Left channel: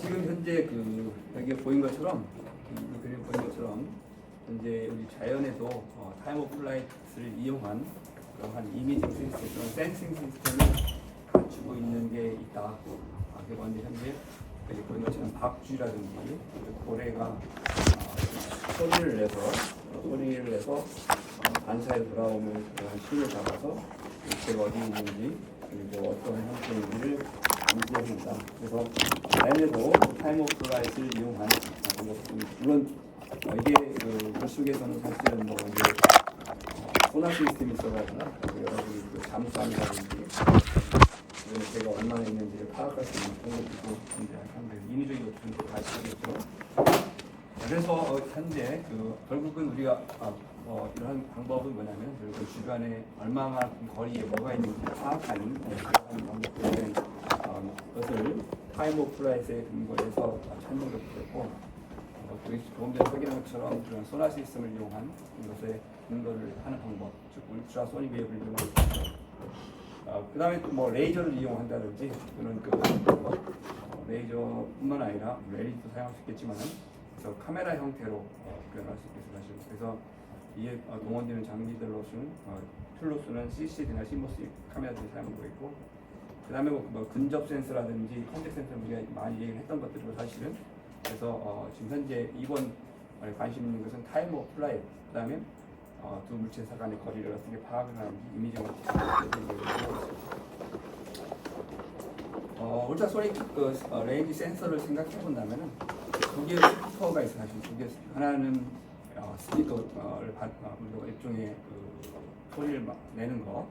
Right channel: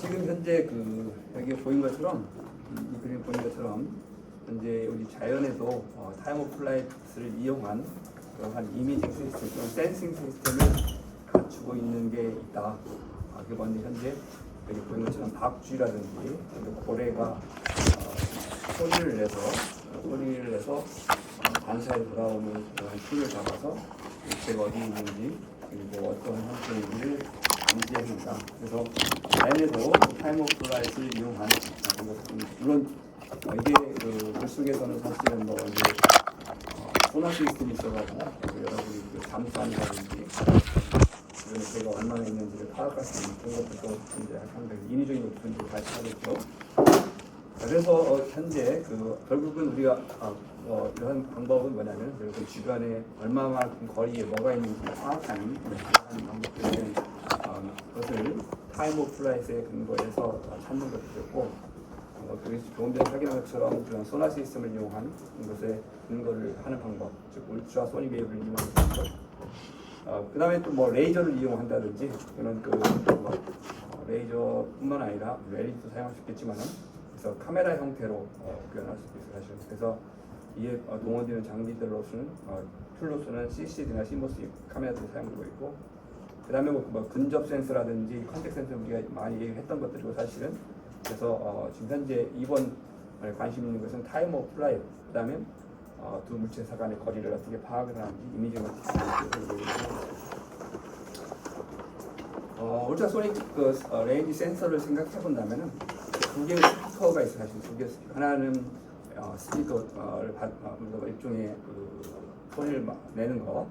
지금 현재 여기 보인 것처럼 이 그림 보인 것처럼 현재 우리 자연에도 타임 오브 플라이트를 이용한 그러한 이미지 시스템, 센싱 시스템을 갖추고 있는 게 있다. 그런데 현재 여기 보인 것처럼 박쥐라든지 고래가 소리를 내서 반사에 돌아오는 그러한 춤을 잡아서 개가 어디 있는지 그리고 어떤 형태인지를 감지해줍니다. 그래서 자연에도 타임 오브 플라이트를 이용한 방법입니다. 물론 이게 물 속에서는 사실은 이제 소나 시스템이 있어가지고 여러분이 잠수함이라든지 이런 개가 얼마나 있는지를 파악할 수 있는 그런 것들도 이제 상당히 인위적인 것들을 가지고 그래서 현재 결국은 우리가 이런 방법은 뭐냐면 주변에 얼마만큼 거리에 뭐가 있는지 파악하는 그런 방법들은 그것을 타임 오브 플라이트에 근거해서 찾는 것들이고 조금 전에 확인한 것처럼 그런 소나 시스템을 이용한 것에 근거를 하는 방법, 즉 울트라 소닉 웨이브를 이용하는 방법. 그 다음에 또 뭐 레이저를 이용한다든지 또는 레이저뿐만 아니라 LED도 사용할 수 있겠지만은 그래서 카메라 형태로 구현할 수 있어요. 사실. 그래서 이에 동원되는 장비들로서는 툴로서는 CCD나 CMOS 카메라들이 사용되고 있고, 그 다음에 뭐 근접 센서라든지 컨택 센서 우리가 많이 얘기했던 것들이고 사실은. 그래서 지금 현재 이번 관심 있는 것은 타임 오브 플라이트, 그 다음에 두 물체사 간의 거리를 어떻게 파악을 하는지 이미징을 울트라소닉 레인지 센서를 생각해 본다면은 두 개의 스피커가 있어요. 사실 두 개. 하나는 스피커를 일종의 소리를 내는 거,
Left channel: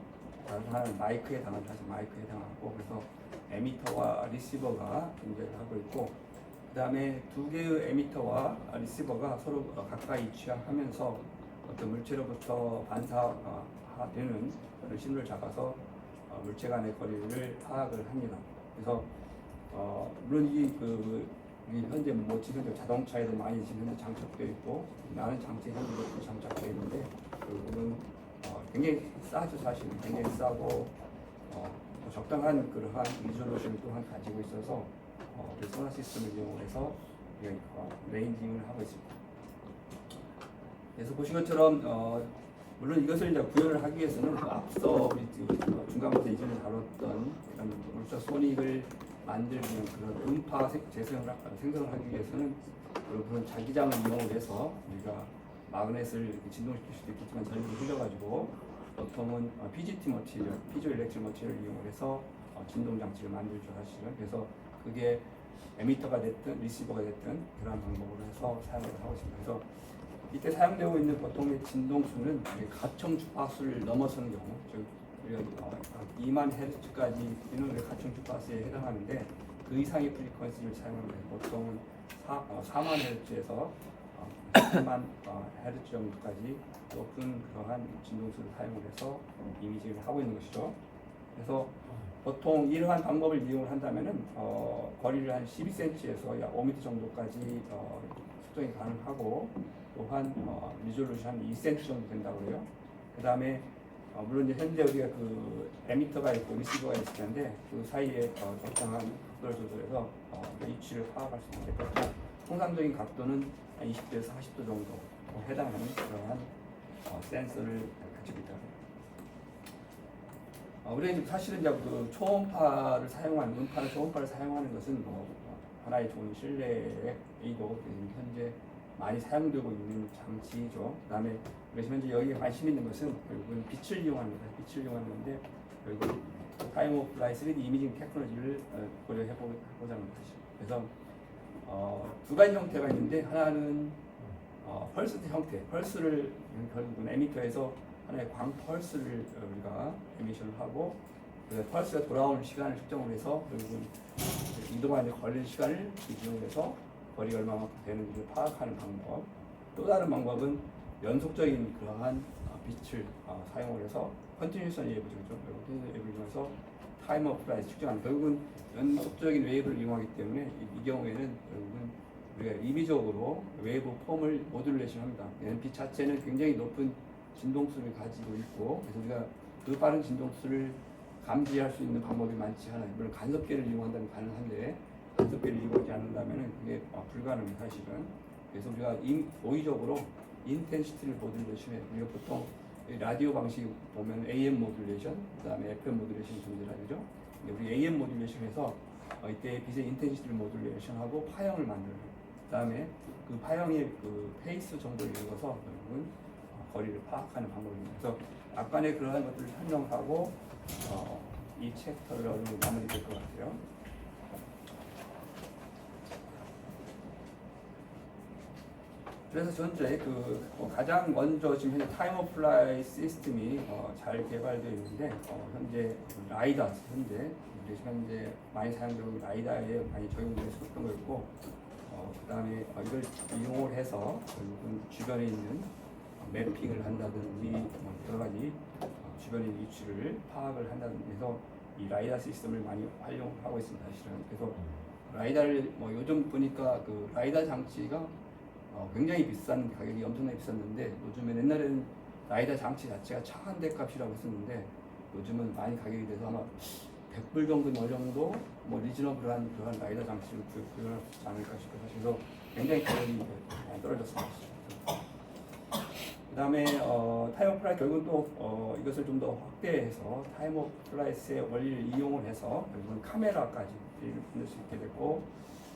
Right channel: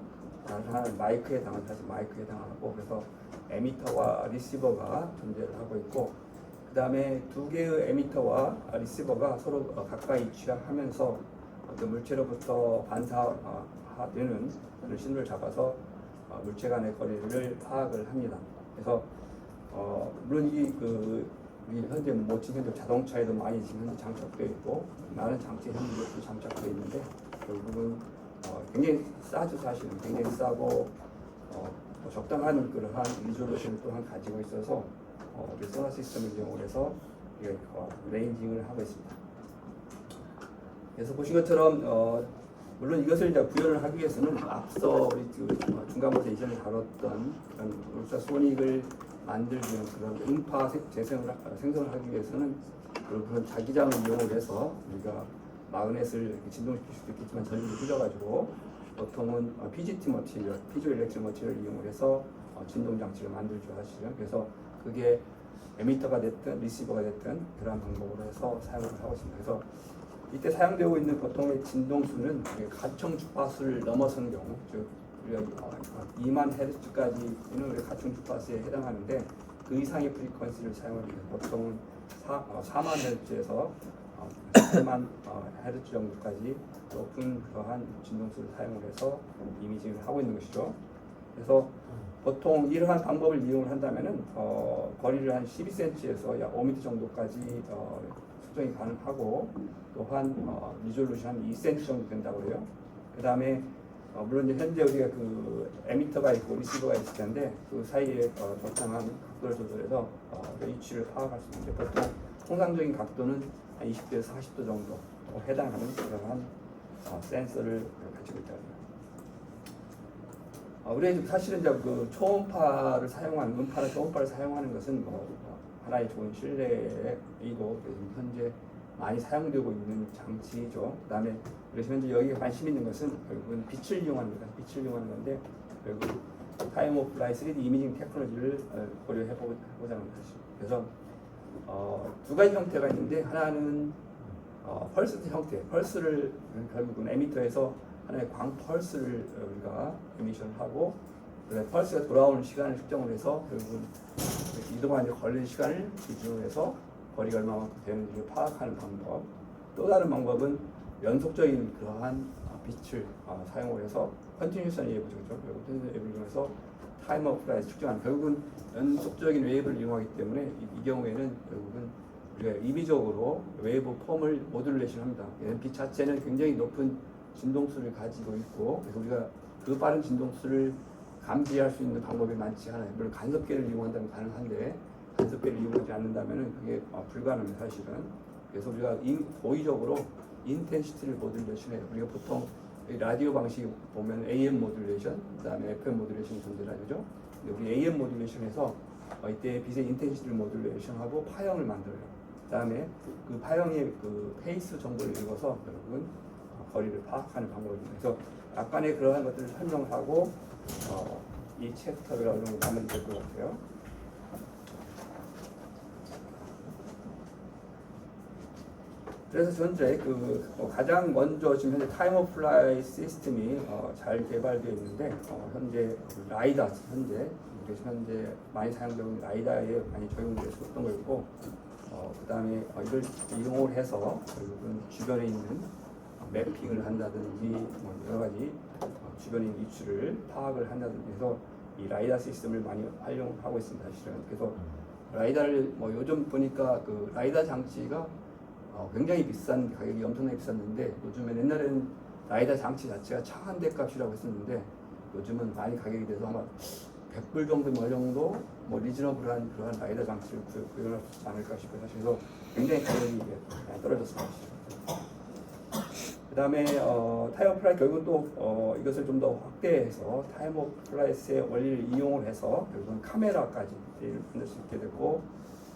하나는 마이크에 해당하는, 사실 마이크에 해당하고, 그래서 에미터와 리시버가 존재를 하고 있고, 그 다음에 두 개의 에미터와 리시버가 서로 가까이 위치하면서 그 물체로부터 반사되는 신호를 잡아서 물체 간의 거리를 파악을 합니다. 그래서 물론 이 현재 뭐 지금 자동차에도 많이 지금 장착되어 있고 많은 장치 현재도 장착되어 있는데 결국은 굉장히 싸죠. 사실 굉장히 싸고 적당한 그러한 리졸루션을 또한 가지고 있어서 소나 시스템을 이용해서 레인징을 하고 있습니다. 그래서 보신 것처럼 물론 이것을 이제 구현을 하기 위해서는 앞서 우리 중간부터 이전에 다뤘던 울트라소닉을 만들는 그런 음파 생성을 하기 위해서는 그런 자기장을 이용해서 우리가 마그넷을 진동시킬 수도 있겠지만 전류를 흘려가지고 보통은 PGT 머티리얼, 피조 일렉트릭 머티리얼을 이용해서 진동 장치를 만들죠 사실은. 그래서 그게 에미터가 됐든 리시버가 됐든 그러한 방법으로 해서 사용을 하고 있습니다. 그래서 이때 사용되고 있는 보통의 진동수는 가청 주파수를 넘어서는 경우, 즉 우리가 2만 헤르츠까지는 우리 가청 주파수에 해당하는데 그 이상의 프리퀀시를 사용하는 경우 보통은 4만 헤르츠에서 8만 헤르츠 정도까지 높은 그러한 진동수를 사용을 해서 이미징을 하고 있는 것이죠. 그래서 보통 이러한 방법을 이용을 한다면은 거리를 한 12cm에서 약 5m 정도까지 수정이 가능하고, 또한 리졸루션 한 2cm 정도 된다고 그래요. 그 다음에 물론 이제 현재 우리가 에미터가 있고 리시버가 있을 텐데 그 사이에 적당한 각도를 조절해서 위치를 파악할 수 있는데 보통 통상적인 각도는 한 20도에서 40도 정도 해당하는 그러한 센서를 가지고 있다고 합니다. 우리가 사실은 이제 초음파를 사용하는, 음파나 초음파를 사용하는 것은 하나의 좋은 신뢰이고 현재 많이 사용되고 있는 장치죠. 그 다음에 그래서 현재 여기에 관심 있는 것은 결국은 빛을 이용합니다. 빛을 이용하는 건데 결국 타임 오브 플라이트 3D 이미징 테크놀로지를 고려해 보자는 것이죠. 그래서 두 가지 형태가 있는데 하나는 펄스 형태, 펄스를 결국은 에미터에서 하나의 광 펄스를 우리가 에미션하고 펄스가 돌아오는 시간을 측정을 해서 결국은 이동하는 데 걸리는 시간을 기준으로 해서 거리가 얼마만큼 되는지를 파악하는 방법. 또 다른 방법은 연속적인 그러한 빛을 사용을 해서 컨티뉴션 웨이브죠. 결국 컨티뉴션 웨이브를 이용해서 타임 오브 플라이트 측정하는, 결국은 연속적인 웨이브를 이용하기 때문에 이 경우에는 결국은 우리가 임의적으로 웨이브 폼을 모듈레이션 합니다. 빛 자체는 굉장히 높은 진동수를 가지고 있고, 그래서 우리가 그 빠른 진동수를 감지할 수 있는 방법이 많지 않아요. 물론 간섭계를 이용한다면 가능한데 간섭계를 이용하지 않는다면 그게 불가능합니다 사실은. 그래서 우리가 고의적으로 인텐시티를 모듈레이션에 우리가 보통 라디오 방식 보면 AM 모듈레이션, 그다음에 FM 모듈레이션이 존재하죠. 근데 우리 AM 모듈레이션에서 이때 빛의 인텐시티를 모듈레이션하고 파형을 만들어요. 그다음에 그 파형의 그 페이스 정보를 읽어서 결국은 거리를 파악하는 방법입니다. 그래서 약간의 그러한 것들을 설명하고 이 챕터가 어느 정도 마무리될 것 같아요. 그래서 현재 가장 먼저 지금 현재 타임 오브 플라이 시스템이 잘 개발되어 있는데 현재 라이다 현재 많이 사용되는 라이다에 많이 적용될 수 있던 거였고 그다음에 이걸 이용을 해서 결국은 주변에 있는 매핑을 한다든지 여러 가지 주변에 있는 위치를 파악을 한다든지 해서 이 라이다 시스템을 많이 활용하고 있습니다. 사실은. 그래서 라이다를 요즘 보니까 그 라이다 장치가 굉장히 비싼 가격이 엄청나게 비쌌는데 요즘에 옛날에는 라이다 장치 자체가 차 한 대 값이라고 했었는데 요즘은 많이 가격이 돼서 아마 100불 정도 리즈너블한 그러한 라이다 장치를 구현할 수 있지 않을까 싶어요. 그래서 굉장히 가격이 많이 떨어졌습니다. 그 다음에 타임 오브 플라이 결국은 또 이것을 좀 더 확대해서 타임 오브 플라이스의 원리를 이용을 해서 결국은 카메라까지 만들 수 있게 되고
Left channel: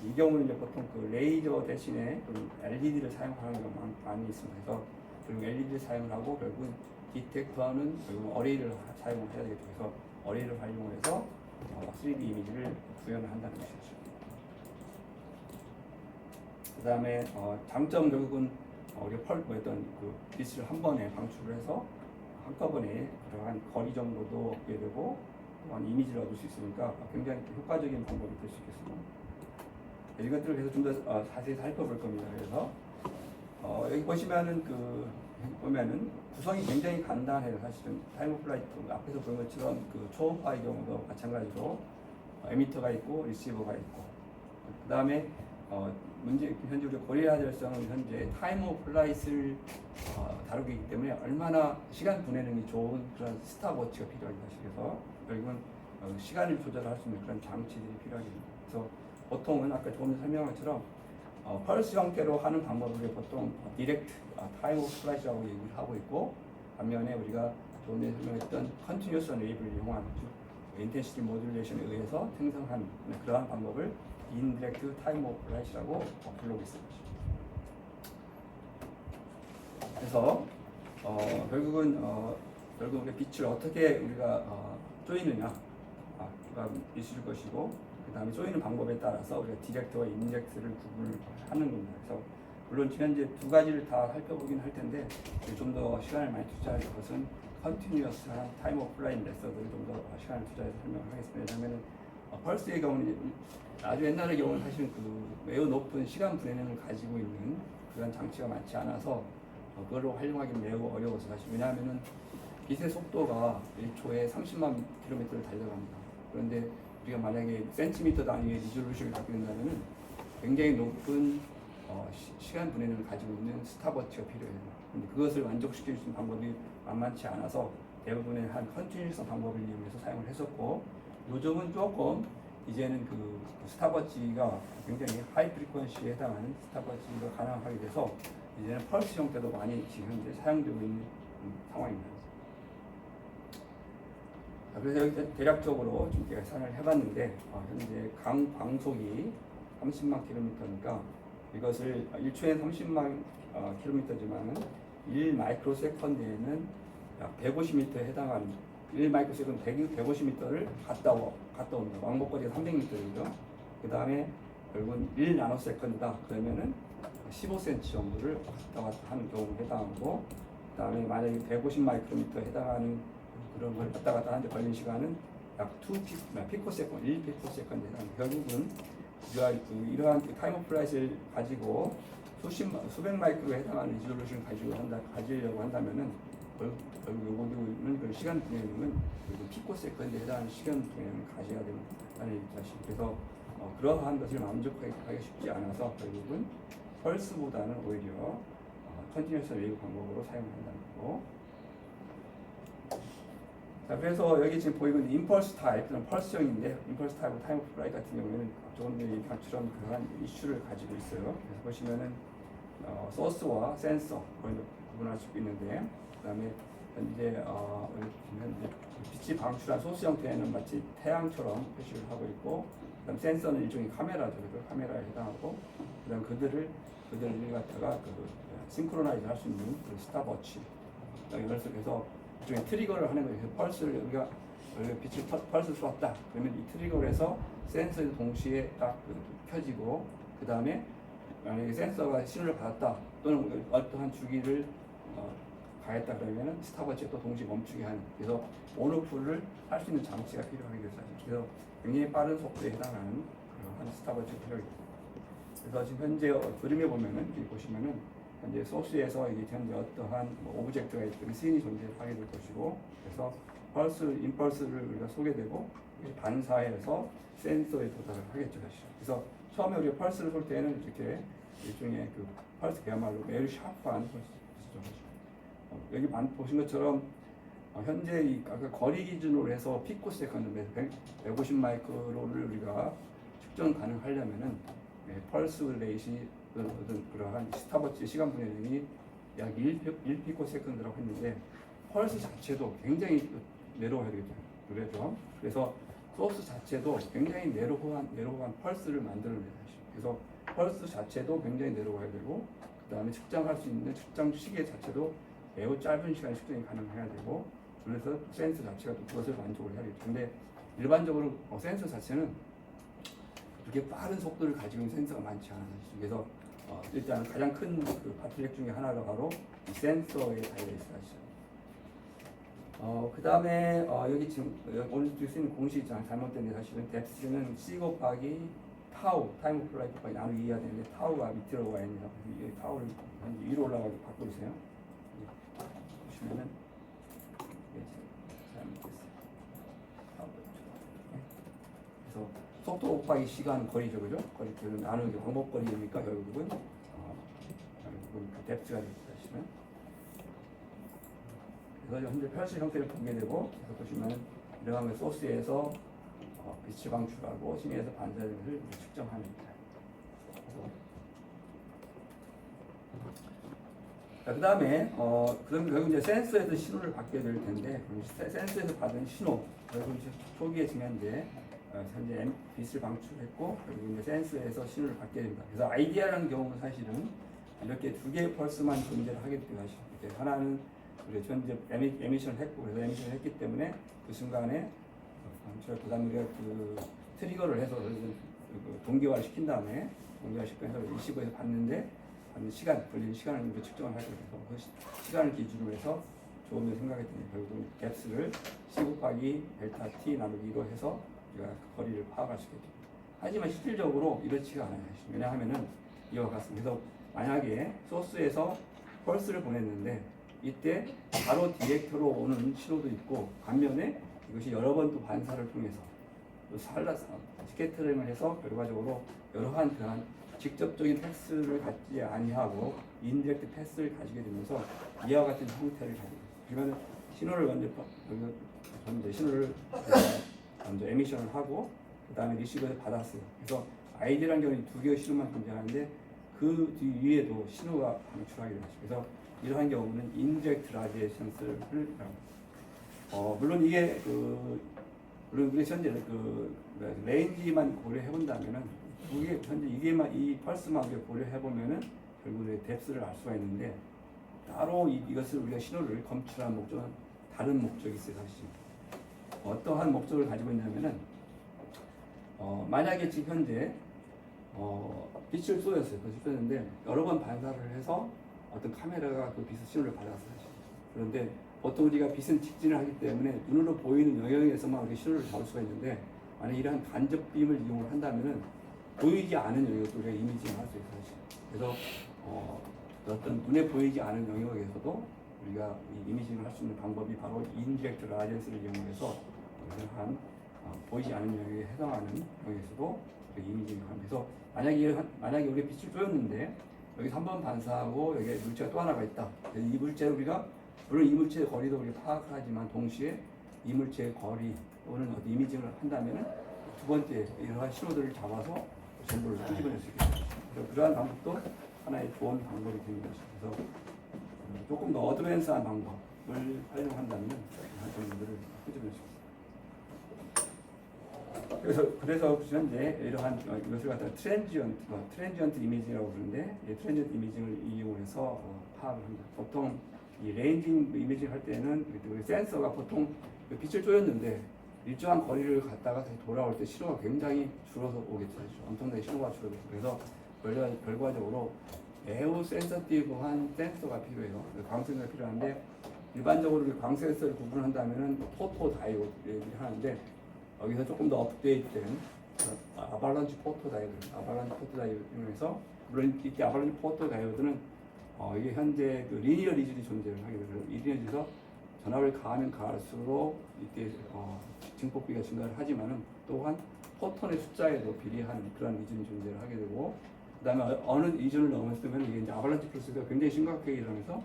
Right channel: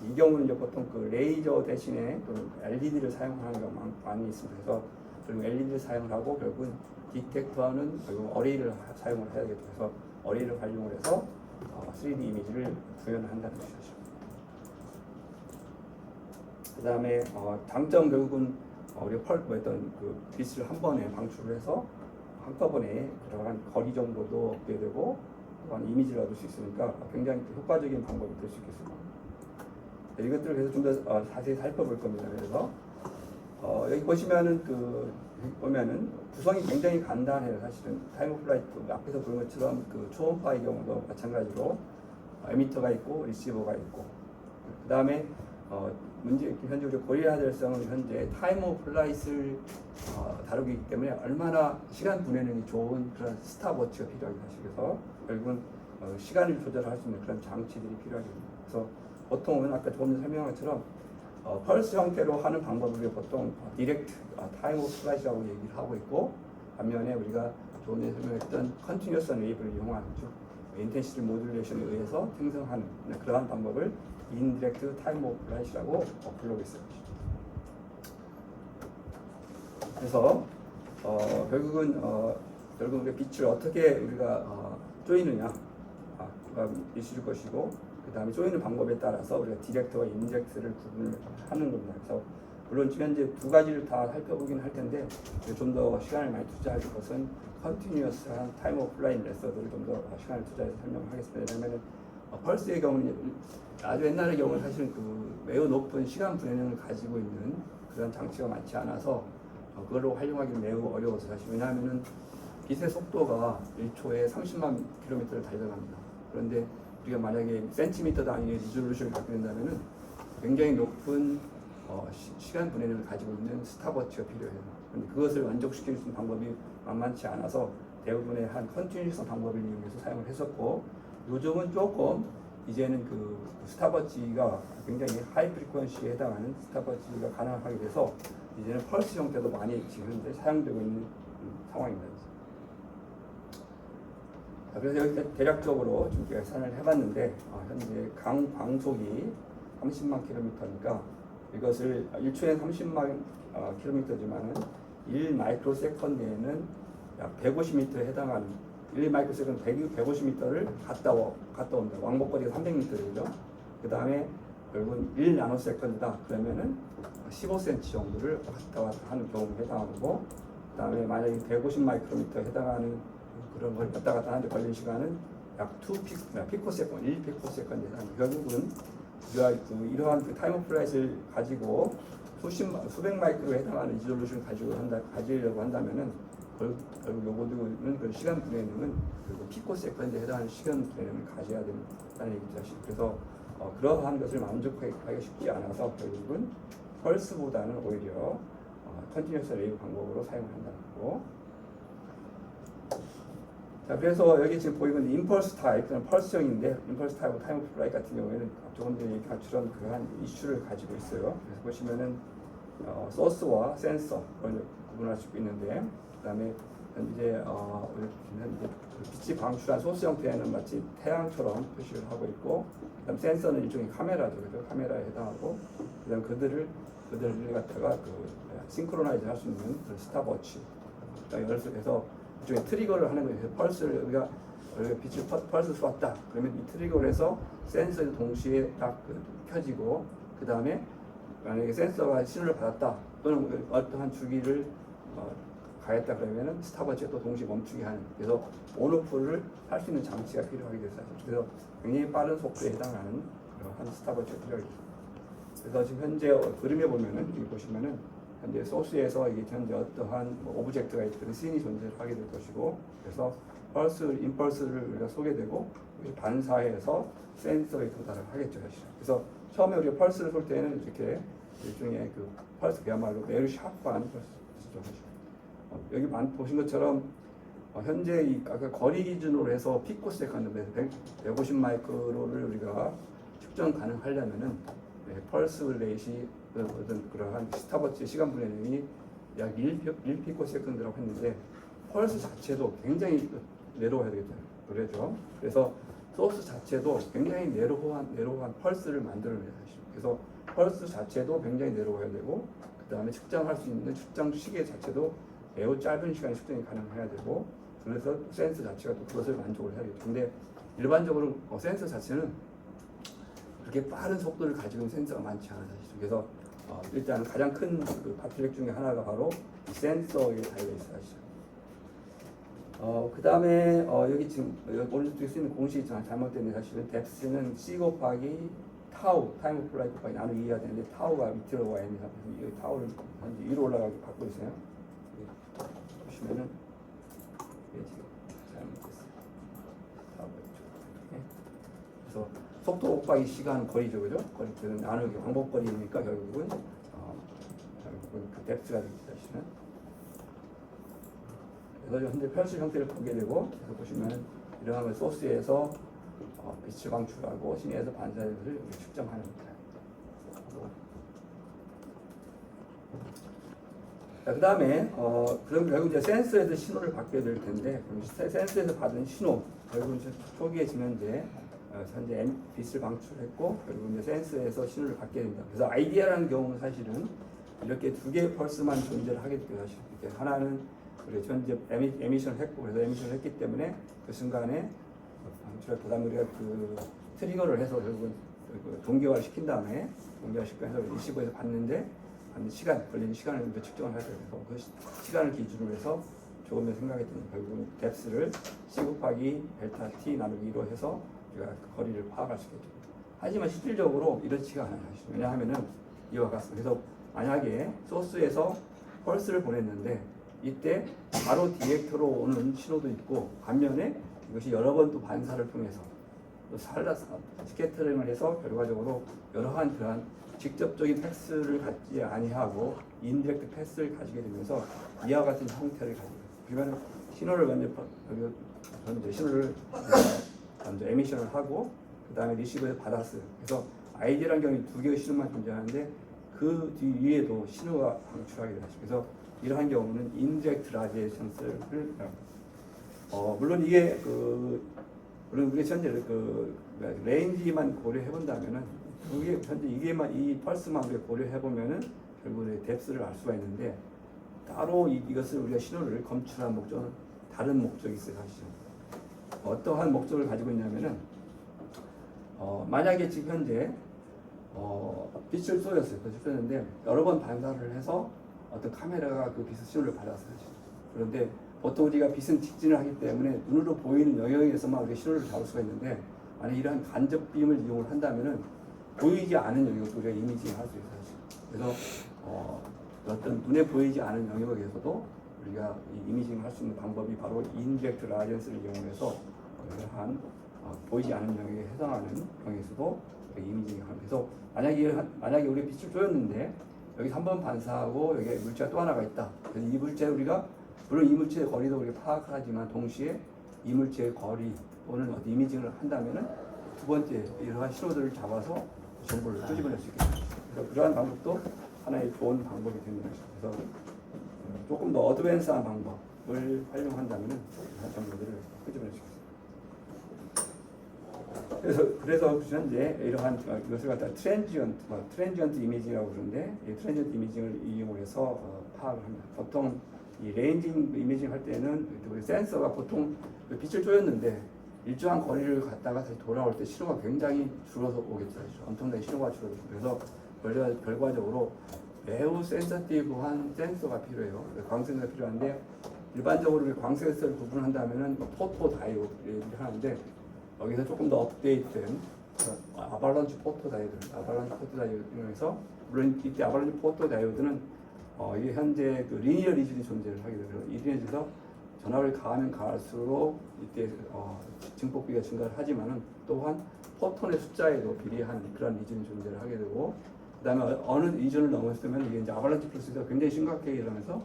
이 경우는 이제 보통 그 레이저 대신에 LED를 사용하는 경우가 많이 있습니다. 그래서 그리고 LED를 사용하고 결국은 디텍터는 결국 어레이를 사용을 해야 되겠죠. 그래서 어레이를 활용을 해서 3D 이미지를 구현한다는 것이죠. 그 다음에 장점 결국은 우리가 그 빛을 한 번에 방출을 해서 한꺼번에 그러한 거리 정도도 얻게 되고 또한 이미지를 얻을 수 있으니까 굉장히 효과적인 방법이 될 수 있겠습니다. 이것들을 그래서 좀 더 자세히 살펴볼 겁니다. 그래서 여기 보시면은 보면은 구성이 굉장히 간단해요. 사실은 타임 오브 플라이트 앞에서 본 것처럼 그 초음파의 경우도 마찬가지로 에미터가 있고 리시버가 있고 그 다음에 현재 우리 고려해야 될 점은 현재 타임 오브 플라이트를 다루기 때문에 얼마나 시간 보내는 게 좋은 그런 스탑워치가 필요합니다. 그래서 결국은 시간을 조절할 수 있는 그런 장치들이 필요합니다. 그래서 보통은 아까 조금 전에 설명한 것처럼 펄스 형태로 하는 방법을 보통 디렉트 타임 오브 플라이트라고 얘기를 하고 있고 반면에 우리가 조금 전에 설명했던 컨티뉴어스 웨이브를 이용한 즉 인텐시티 모듈레이션에 의해서 생성하는 그러한 방법을 인디렉트 타임 오브 플라이트라고 부르고 있어요. 그래서 결국은 빛을 어떻게 우리가 쪼이느냐가 있을 것이고 그 다음에 쪼이는 방법에 따라서 우리가 디렉트와 인젝트를 구분을 하는 겁니다. 그래서 물론 현재 두 가지를 다 살펴보긴 할 텐데 좀 더 시간을 많이 투자할 것은 컨티뉴어스한 타임 오브 플라이 메서드를 좀 더 시간을 투자해서 설명하겠습니다. 왜냐하면 펄스의 경우는 아주 옛날의 경우는 사실 매우 높은 시간 분해능을 가지고 있는 그런 장치가 많지 않아서 그걸로 활용하기 매우 어려워서 사실 왜냐하면은 빛의 속도가 1초에 30만 킬로미터를 달려갑니다. 그런데 우리가 만약에 센티미터 단위의 리졸루션을 갖게 된다면은 굉장히 높은 시간 분해능을 가지고 있는 스탑워치가 필요해요. 그런데 그것을 만족시킬 수 있는 방법이 만만치 않아서 대부분의 한 컨티뉴어스 방법을 이용해서 사용을 했었고 요즘은 조금 이제는 그 스탑워치가 굉장히 하이 프리퀀시에 해당하는 스탑워치가 가능하게 돼서 이제는 펄스 형태도 많이 지금 현재 사용되고 있는 상황입니다. 그래서 여기 대략적으로 좀 계산을 해봤는데 현재 광속이 30만 킬로미터니까 이것을 1초에 30만 킬로미터지만은 1 마이크로 세컨드에는 약 150m에 해당하는 1 마이크로 세컨드 150m를 갔다 온다. 왕복거리가 300m죠. 그 다음에 결국은 1 나노 세컨드다. 그러면은 15cm 정도를 왔다 갔다 하는 경우에 해당하고 그 다음에 만약에 150 마이크로미터에 해당하는 그런 걸 왔다 갔다 하는데 걸리는 시간은 약 1 피코세컨드 해당합니다. 결국은 이러한 타임 오브 플라이트를 가지고 수백 마이크로에 해당하는 리졸루션을 가지려고 한다면은 결국 요거는 그 시간 분해는 피코세컨드에 해당하는 시간 분해를 가져야 된다는 얘기죠. 그래서 그러한 것을 만족하기 쉽지 않아서 결국은 펄스보다는 오히려 컨티뉴어스 웨이브 방법으로 사용한다는 거고 자, 그래서 여기 지금 보이는 임펄스 타입 또는 펄스형인데 임펄스 타입과 타임 오브 플라이트 같은 경우에는 조금 전에 얘기한 것처럼 그러한 이슈를 가지고 있어요. 그래서 보시면은 소스와 센서 구분할 수 있는데, 그다음에 현재 빛이 방출한 소스 형태는 마치 태양처럼 표시를 하고 있고, 그다음 센서는 일종의 카메라죠. 그래서 카메라에 해당하고, 그다음 그들을 갖다가 싱크로나이즈 할 수 있는 스탑워치. 그래서 일종의 트리거를 하는 거예요. 펄스를 우리가 빛을 펄스 쏘았다. 그러면 이 트리거를 해서 센서도 동시에 딱 켜지고, 그 다음에 만약에 센서가 신호를 받았다 또는 어떠한 주기를 가했다 그러면은 스탑워치가 또 동시에 멈추게 하는, 그래서 온오프를 할 수 있는 장치가 필요하게 됐어요. 그래서 굉장히 빠른 속도에 해당하는 그런 스탑워치가 필요하죠. 그래서 지금 현재 그림에 보면은 여기 보시면은 현재 소스에서 이게 현재 어떠한 오브젝트가 있든 씬이 존재하게 될 것이고, 그래서 임펄스를 우리가 소개되고 반사해서 센서에 도달을 하겠죠, 사실. 그래서 처음에 우리가 펄스를 쏠 때는 이렇게 일종의 펄스 그야말로 매우 샤프한 펄스죠. 여기 보신 것처럼 현재 아까 거리 기준으로 해서 피코세컨드 150 마이크로를 우리가 측정 가능하려면은 펄스 레이시 어떤 그러한 스탑워치 시간 분해량이 약 1피코세컨드라고 했는데, 펄스 자체도 굉장히 내로워야 되겠죠. 그래서 소스 자체도 굉장히 내로우한 펄스를 만들어내야 하죠. 그래서 펄스 자체도 굉장히 내로워야 되고, 그 다음에 측정할 수 있는 측정 시계 자체도 매우 짧은 시간에 측정이 가능해야 되고, 그래서 센서 자체가 또 그것을 만족을 해야겠죠. 근데 일반적으로 센서 자체는 그렇게 빠른 속도를 가지고 있는 센서가 많지 않아요. 그래서 일단 가장 큰 바틀렉 중에 하나가 바로 이 센서에 달려있어요. 그 다음에 여기 지금 오늘 쓰는 공식이 잘못됐는데, 사실은 뎁스는 C 곱하기 타우, 타임 오브 플라이트 곱하기 나누기 2해야 되는데, 타우가 밑으로 와 있는 상태에서 여기 타우를 위로 올라가게 받고 있어요. 보시면은 그래서 속도 곱하기 시간 거리죠, 그죠? 거리는 나누기 반복거리니까 결국은 그 뎁스가 되시면. 그래서 현재 펄스 형태를 보게 되고, 그래서 보시면은 이러한 소스에서 빛을 방출하고 심해에서 반사를 측정하는 거예요. 자, 그 다음에 그럼 결국 이제 센서에서 신호를 받게 될 텐데, 센서에서 받은 신호, 결국 이제 초기에 지면 이제 현재 빛을 방출했고, 결국 이제 센서에서 신호를 받게 됩니다. 그래서 아이디어라는 경우는 사실은 이렇게 두 개의 펄스만 존재를 하게 되죠. 하나는 우리 현재 에미션을 했고, 그래서 에미션을 했기 때문에 그 순간에 그다음 우리가 트리거를 해서 동기화를 시킨 다음에 동기화시켜서 리시버에서 봤는데, 걸리는 시간을 측정을 할 때, 그 시간을 기준으로 해서 조금을 생각했더니 결국 뎁스를 C 곱하기 델타 T 나누기 2로 해서 우리가 거리를 파악할 수 있겠죠. 하지만 실질적으로 이렇지가 않아요. 왜냐하면은 이와 같습니다. 그래서 만약에 소스에서 펄스를 보냈는데, 이때 바로 디렉터로 오는 신호도 있고, 반면에 이것이 여러 번 또 반사를 통해서 또 스캐터링을 해서 결과적으로 여러한 그러한 직접적인 패스를 갖지 아니하고 인디렉트 패스를 가지게 되면서 이와 같은 형태를 가지고, 그러면 신호를 먼저 에미션을 하고, 그 다음에 리시버에서 받았어요. 그래서 아이디라는 경우는 두 개의 신호만 존재하는데, 그 뒤 위에도 신호가 방출하게 되죠. 그래서 이러한 경우는 인디렉트 라디에이션스를 물론 이게 물론 우리 현재 레인지만 고려해 본다면은, 이게 현재 이 펄스만 우리가 고려해 보면은 결국 뎁스를 알 수가 있는데, 따로 이것을 우리가 신호를 검출한 목적은 다른 목적이 있어요. 사실 어떠한 목적을 가지고 있냐면은 만약에 지금 현재 빛을 쏘였어요. 쏘였는데 여러 번 반사를 해서 어떤 카메라가 그 빛의 신호를 받았어요. 그런데 보통 우리가 빛은 직진을 하기 때문에 눈으로 보이는 영역에서만 우리가 신호를 잡을 수가 있는데, 만약 이러한 간접빔을 이용을 한다면은 보이지 않은 영역도 우리가 이미징을 할 수 있어요. 그래서 어떤 눈에 보이지 않은 영역에서도 우리가 이 이미징을 할 수 있는 방법이 바로 인디렉트 라디언스를 이용해서 이러한 보이지 않은 영역에 해당하는 영역에서도 이미징을 합니다. 그래서 만약에 우리 빛을 쏘였는데 여기 3번 반사하고 여기 물체가 또 하나가 있다. 그래서 이 물체를 우리가 물론 이 물체의 거리도 우리가 파악하지만 동시에 이물체의 거리 또는 어디 이미징을 한다면은 두 번째 이러한 신호들을 잡아서 정보를 끄집어낼 수 있겠죠. 그래서 그러한 방법도 하나의 좋은 방법이 되는 것이죠. 그래서 조금 더 어드밴스한 방법을 활용한다면은 이러한 정보들을 끄집어낼 수 있습니다. 그래서 현재 이러한 이것을 갖다 트랜지언트 이미징이라고 부르는데 이 트랜지언트 이미징을 이용해서 파악을 합니다. 보통 이 레인징 이미징 할 때는 우리 센서가 보통 빛을 쬐었는데 일정한 거리를 갔다가 다시 돌아올 때 신호가 굉장히 줄어서 오겠죠. 엄청나게 신호가 줄어들고 그래서 결과적으로 매우 센서티브한 센서가 필요해요. 광센서가 필요한데 일반적으로 광센서를 구분한다면은 포토 다이오드를 하는데 여기서 조금 더 업데이트된 아발란치 포토 다이오드에서 물론 이때 아발란치 포토 다이오드는 이게 현재 그 리니어 리즌이 존재를 하게 되죠. 이 리니어에서 전압을 가하면 가할수록 이때 증폭비가 증가를 하지만은 또한 포톤의 숫자에도 비례한 그런 리즌이 존재를 하게 되고 그다음에 어느 리즌을 넘었으면 이게 이제 아발란치 프로세스가 굉장히 심각하게 일어나면서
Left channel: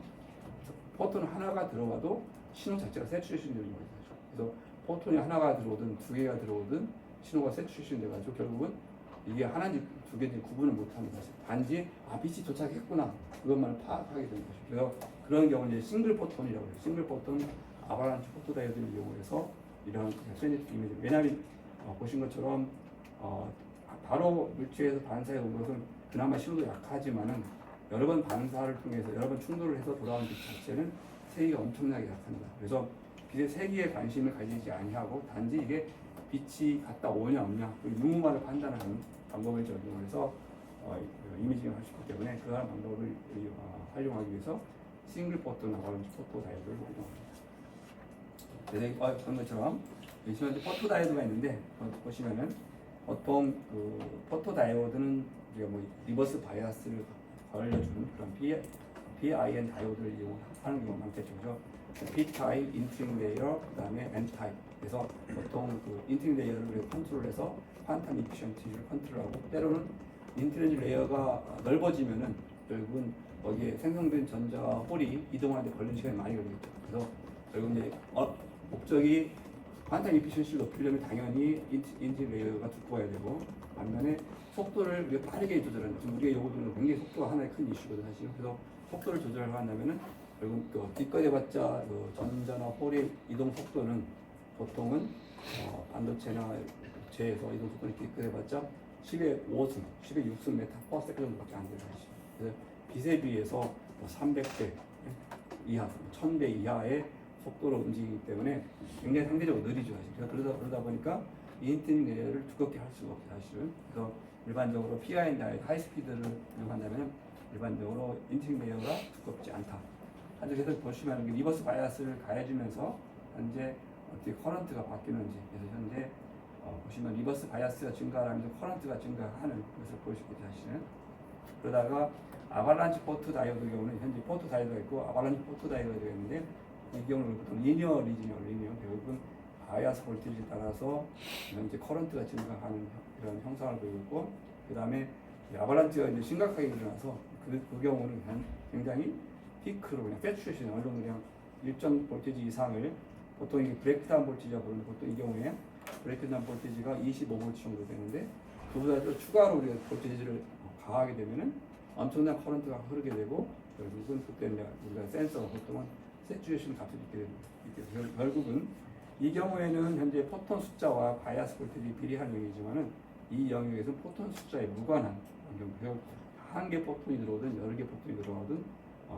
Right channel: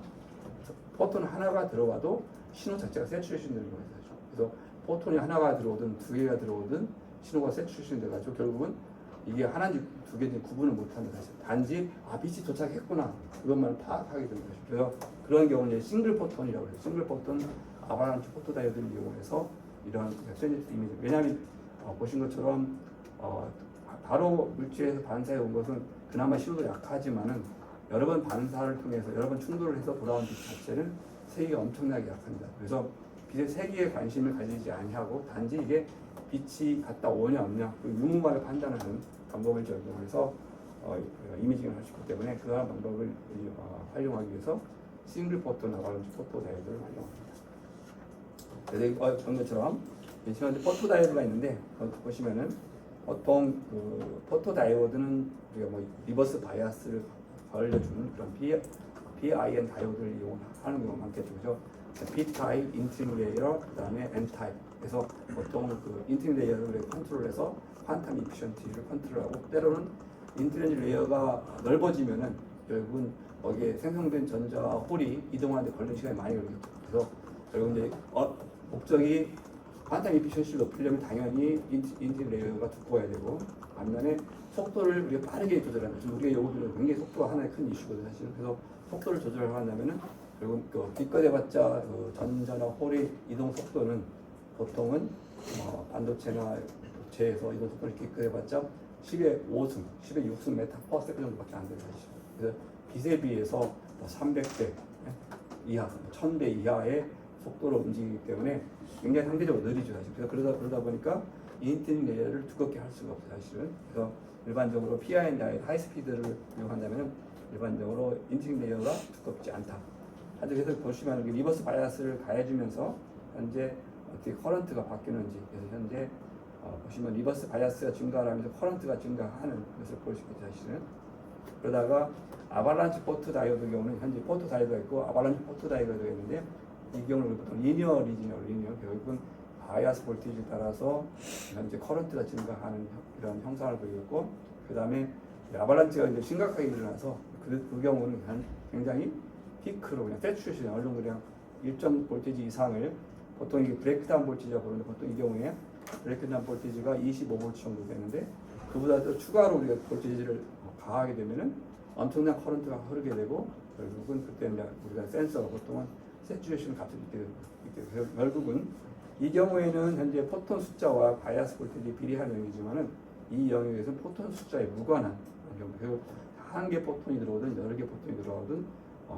포톤 하나가 들어와도 신호 자체가 세츄레이션 되는 거예요. 그래서 포톤이 하나가 들어오든 두 개가 들어오든 신호가 세츄레이션 돼가지고 결국은 이게 하나인지 두 개인지 구분을 못합니다. 단지 빛이 도착했구나 그것만 파악하게 되는 거죠. 그래서 그런 경우는 싱글 포톤이라고 해요. 싱글 포톤 아발란치 포토 다이오드를 이용해서 이러한 트랜지트 이미지. 왜냐하면 보신 것처럼 바로 물체에서 반사해 온 것은 그나마 신호도 약하지만은 여러 번 반사를 통해서 여러 번 충돌을 해서 돌아온 빛 자체는 세기가 엄청나게 약합니다. 그래서 빛의 세기에 관심을 가지지 아니하고 단지 이게 빛이 갔다 오냐 없냐 유무만을 판단하는 방법을 적용해서 이미징을 할 수 있기 때문에 그러한 방법을 활용하기 위해서 싱글 포톤 아발란치 포토 다이오드를 활용합니다. 그래서 본 것처럼 현재 포토 다이오드가 있는데 보시면은 보통 그 포토 다이오드는 우리가 뭐 리버스 바이아스를 걸려주는 그런 PIN 다이오드를 이용하는 경우가 많겠죠. 그죠? P-타입, 인트링 레이어, 그다음에 N-타입. 그래서 보통 그 인트링 레이어를 컨트롤해서 퀀텀 이피션티를 컨트롤하고 때로는 인트링 레이어가 넓어지면은 결국은 거기에 생성된 전자 홀이 이동하는데 걸리는 시간이 많이 걸리겠죠. 그래서 결국 이제 목적이 퀀텀 이피션시를 높이려면 당연히 인트링 레이어가 두꺼워야 되고 반면에 속도를 우리가 빠르게 조절하는 지금 우리가 요구되는 굉장히 속도가 하나의 큰 이슈거든요. 사실 그래서 속도를 조절하려면은 결국 빛거대봤자 전자나 홀의 이동 속도는 보통은 반도체나 제에서 이동 속도를 빛거대봤자 10의 5승, 10의 6승 메타 퍼 세컨드 정도밖에 안 돼요. 그래서 빛에 비해서 300배 이하, 1000배 이하의 속도로 움직이기 때문에 굉장히 상대적으로 느리죠. 사실. 그래서 그러다 보니까 인트링 레이어를 두껍게 할 수가 없어요. 사실은. 그래서 일반적으로 PIN 하이스피드를 이용한다면 일반적으로 인트링 레이어가 두껍지 않다. 그래서 보시면 리버스 바이아스를 가해주면서 현재 어떻게 커런트가 바뀌는지 그래서 현재 보시면 리버스 바이아스가 증가하면서 커런트가 증가하는 것을 볼 수 있겠죠. 사실은. 그러다가 아발란치 포토 다이오드 경우는 현재 포토 다이오드가 있고 아발란치 포토 다이오드가 있는데 이 경우는 보통 리니어 리진이라고 리니어 결국은 바이아스 볼티지에 따라서 현재 커런트가 증가하는 이런 형상을 보이고 있고 그 다음에 아발란치가 이제 심각하게 일어나서 그 경우는 굉장히 피크로 그냥 세츄레이션 어느 정도 그냥 일정 볼티지 이상을 보통 이게 브레이크다운 볼티지가 부르는데 보통 이 경우에 브레이크다운 볼티지가 25V 정도 되는데 그보다 또 추가로 우리가 볼티지를 가하게 되면은 엄청난 커런트가 흐르게 되고 결국은 그때 이제 우리가 센서가 보통은 세츄레이션 값을 있게 되고 결국은 이 경우에는 현재 포톤 숫자와 바이아스 볼티지 비례한 영역이지만은 이 영역에서 포톤 숫자에 무관한 경우 한 개 포톤이 들어오든 여러 개 포톤이 들어오든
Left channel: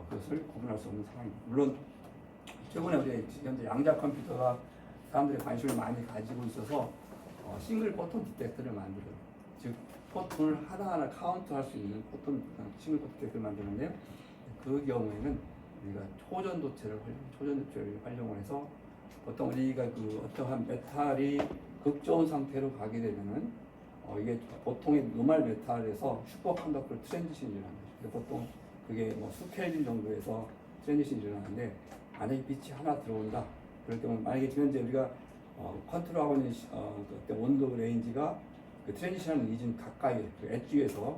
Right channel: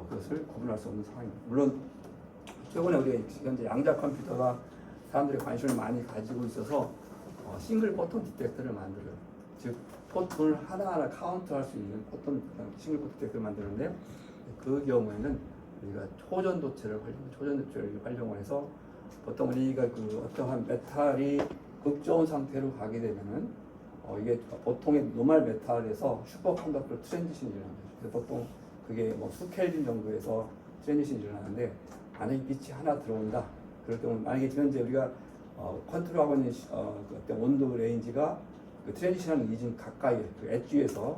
그것을 구분할 수 없는 상황입니다. 물론 최근에 우리 현재 양자 컴퓨터가 사람들이 관심을 많이 가지고 있어서 싱글 포톤 디텍터를 만들어요. 즉 포톤을 하나하나 카운트할 수 있는 포톤 싱글 포톤 디텍터를 만드는데 그 경우에는 우리가 초전도체를 활용을 해서 보통 우리가 그 어떠한 메탈이 극저온 상태로 가게 되면은 이게 보통의 노멀 메탈에서 슈퍼 컨덕터로 트랜지션이 일어납니다. 그래서 보통 그게 뭐 수켈빈 정도에서 트랜지션이 일어나는데 만약에 빛이 하나 들어온다. 그럴 경우 만약에 지금 현재 우리가 컨트롤하고 있는 그 온도 레인지가 그 트랜지션하는 리진 가까이 그 엣지에서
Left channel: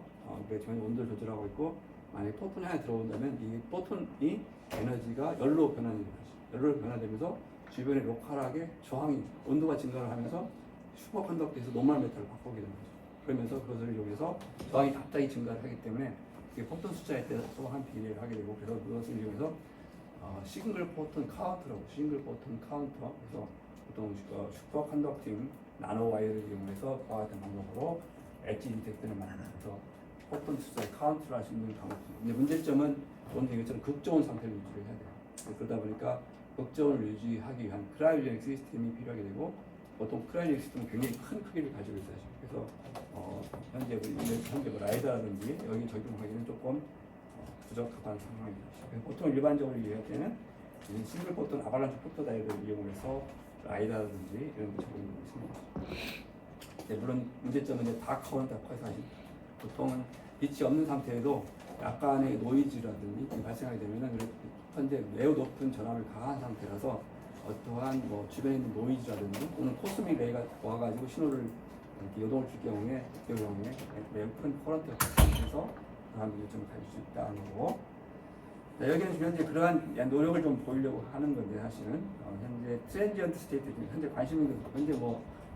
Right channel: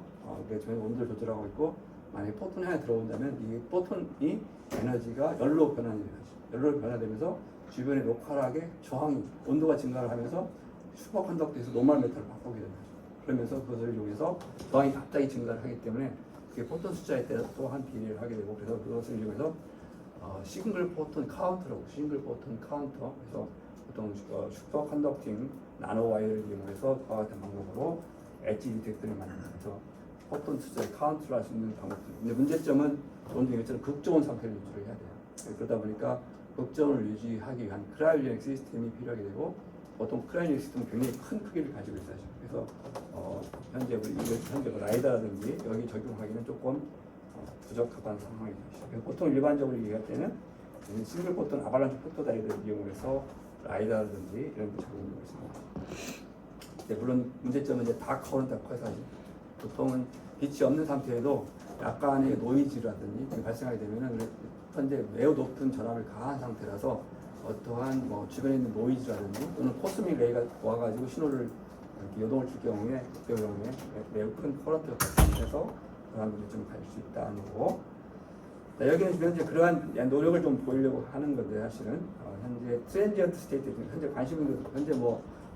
우리가 지금 온도를 조절하고 있고 만약에 포톤이 하나 들어온다면 이 포톤이 에너지가 열로 변하는 거죠. 열로 변화되면서 주변에 로컬하게 저항이 온도가 증가를 하면서 슈퍼컨덕터에서 노멀 메탈을 바꾸게 된다. 그러면서 그것을 이용해서 저항이 갑자기 증가를 하기 때문에 그게 포톤 숫자에 따라서 한 비례를 하게 되고, 그래서 그것을 이용해서 싱글 포톤 카운터라고, 싱글 포톤 카운터, 그래서 보통 슈퍼 컨덕팅 나노 와이어를 이용해서 그와 같은 방법으로 엣지 디텍터를 만들어서 포톤 숫자의 카운트를 할 수 있는 방법입니다. 근데 문제점은 조금 전에 얘기했처럼 극저온 상태를 유지를 해야 돼요. 그러다 보니까 극저온을 유지하기 위한 크라이오제닉 시스템이 필요하게 되고, 보통 크라이오제닉 시스템은 굉장히 큰 크기를 가지고 있어요. 그래서 현재 라이다라든지 여기 적용하기는 조금 부적합한 상황입니다. 보통 일반적으로 얘기할 때는 싱글 포톤 아발란치 포토 다이를 이용해서 라이다라든지 이런 적용을 했습니다. 물론 문제점은 이제 다 커는 커서 보통은 빛이 없는 상태에도 약간의 노이즈라든지 발생하게 되면은 현재 매우 높은 전압을 가한 상태라서 어떠한 주변에 있는 노이즈라든지 또는 코스믹 레이가 와가지고 신호를 여동을 줄 경우에 매우 큰 커런트가 발생해서 그러한 문제점을 가질 수 있다는 거고, 여기는 현재 그러한 노력을 좀 보이려고 하는 건데, 사실은 현재 트랜지언트 스테이트 중에 현재 관심 있는 것도 현재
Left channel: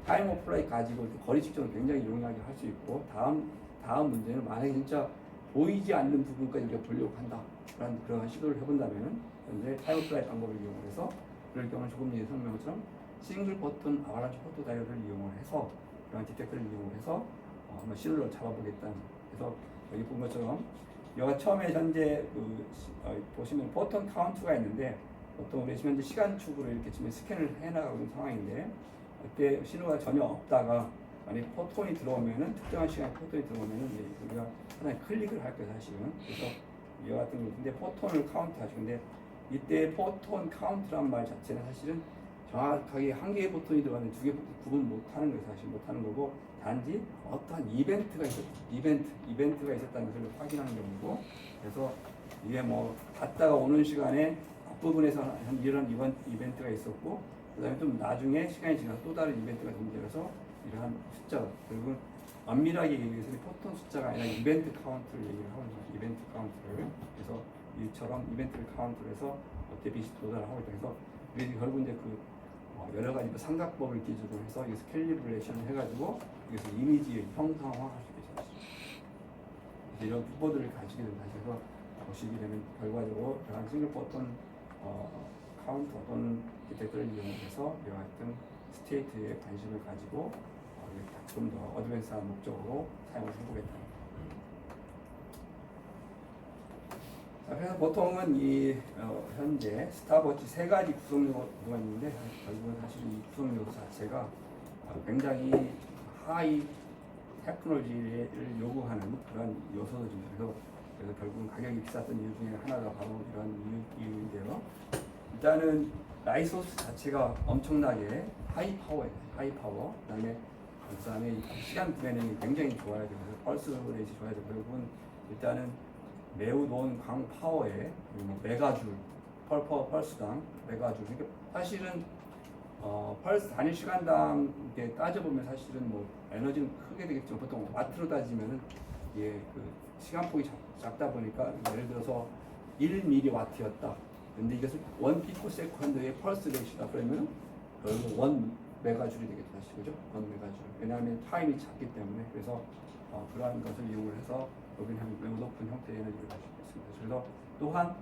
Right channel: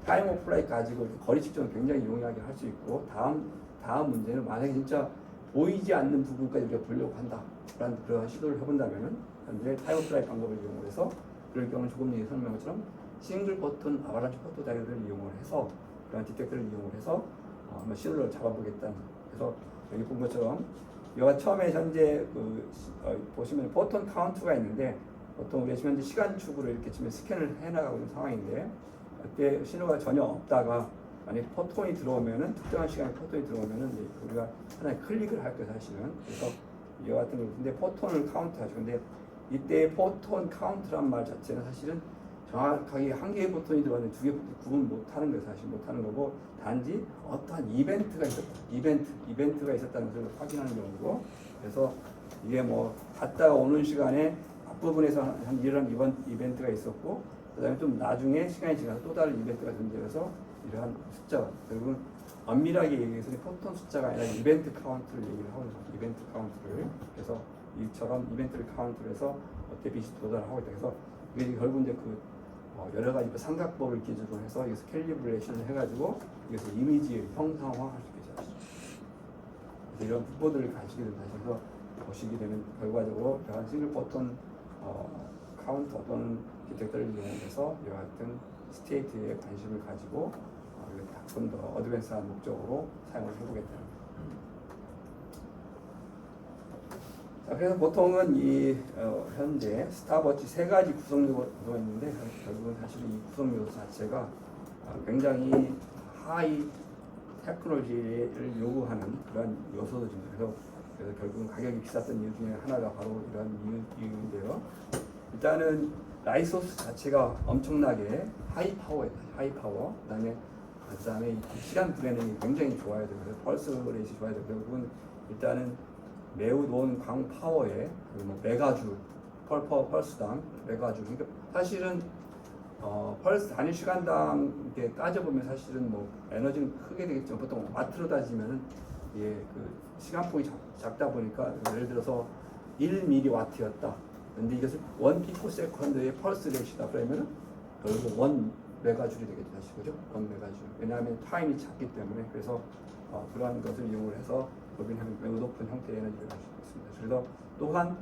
타임 오브 플라이 가지고 거리 측정을 굉장히 용이하게 할 수 있고, 다음 문제는 만약에 진짜 보이지 않는 부분까지 우리가 보려고 한다라는 그런 시도를 해본다면은 현재 타임 오브 플라이 방법을 이용해서, 그럴 경우는 조금 전에 설명한 것처럼 싱글 포톤 아발란치 포토 다이오를 이용을 해서 그런 디텍터를 이용을 해서 한번 신호를 잡아보겠다는. 그래서 여기 본 것처럼 여기가 처음에 현재 보시면 포톤 카운트가 있는데, 보통 우리가 지금 현재 시간축으로 이렇게 지금 스캔을 해나가고 있는 상황인데, 그때 신호가 전혀 없다가 만약 포톤이 들어오면은, 특정한 시간에 포톤이 들어오면은 우리가 하나의 클릭을 할 거예요, 사실은. 그래서 이와 같은 경우 근데 포톤을 카운트하죠. 근데 이때 포톤 카운트란 말 자체는 사실은 정확하게 한 개의 포톤이 들어왔는데 두 개 구분 못하는 거예요. 사실 못하는 거고, 단지 어떠한 이벤트가 있었다, 이벤트가 있었다는 것을 확인하는 경우고, 그래서 이게 갔다가 오는 시간에 앞부분에서 한 이런 이벤트가 있었고, 그다음에 좀 나중에 시간이 지나서 또 다른 이벤트가 존재해서 이러한 숫자가, 결국은 엄밀하게 얘기해서는 포톤 숫자가 아니라 이벤트 카운트를 얘기를 하고 있습니다. 이벤트 카운트를. 그래서 이처럼 이벤트를 카운트를 해서 대빛이 도달하고 있다. 그래서 이게 결국 이제 여러 가지 삼각법을 기준으로 해서 여기서 캘리브레이션을 해가지고 여기서 이미지를 형상화할 수 있죠. 이런 부분들을 가지게 된다. 그래서 보시게 되면 결과적으로 대한 싱글 포톤 카운터 또는 디텍터를 이용해서 이와 같은 스테이트에 관심을 가지고 좀 더 어드밴스한 목적으로 사용을 해보겠다. 그래서 보통은 이 현재 스탑워치 세 가지 구성 요소가 있는데, 결국은 사실 이 구성 요소 자체가 굉장히 하이 테크놀로지를 요구하는 그런 요소들입니다. 그래서 결국은 가격이 비쌌던 이유 중에 하나가 바로 이런 이유인데요. 일단은 라이소스 자체가 엄청나게 하이 파워예요. 하이 파워. 그다음에 시간 브레이닝이 굉장히 좋아야 되고, 펄스 레이트 좋아야 되고, 결국은 일단은 매우 높은 광 파워에 메가줄 펄스당 메가줄. 그러니까 사실은 펄스 단위 시간당 이렇게 따져보면 사실은 에너지는 크게 되겠지만, 보통 와트로 따지면은 이게 시간폭이 작다 보니까, 예를 들어서 1mW였다. 근데 이것을 1피코세컨드의 펄스 레이시다 그러면은 결국 1메가줄이 되겠죠, 그죠? 1메가줄. 왜냐하면 타임이 작기 때문에. 그래서 그러한 것을 이용을 해서 법인하면 매우 높은 형태의 에너지를 가지고 있습니다. 그래서 또한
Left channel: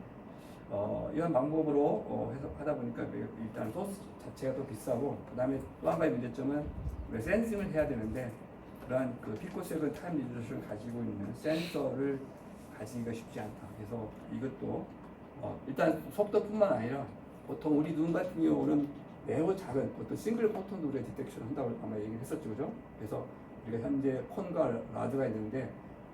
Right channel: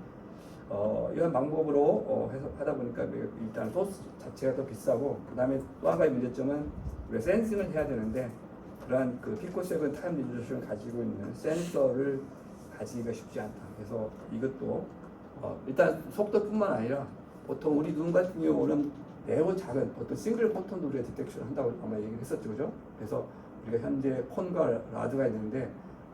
이런 방법으로 해서 하다 보니까 일단 소스 자체가 더 비싸고, 그 다음에 또 한 가지 문제점은 우리가 센싱을 해야 되는데, 그러한 피코세컨드 타임 리졸루션을 가지고 있는 센서를 가지기가 쉽지 않다. 그래서 이것도 일단 속도뿐만 아니라 보통 우리 눈 같은 경우는 매우 작은 어떤 싱글 포톤도 우리가 디텍션을 한다고 아마 얘기를 했었죠, 그죠? 그래서 우리가 현재 콘과 라드가 있는데,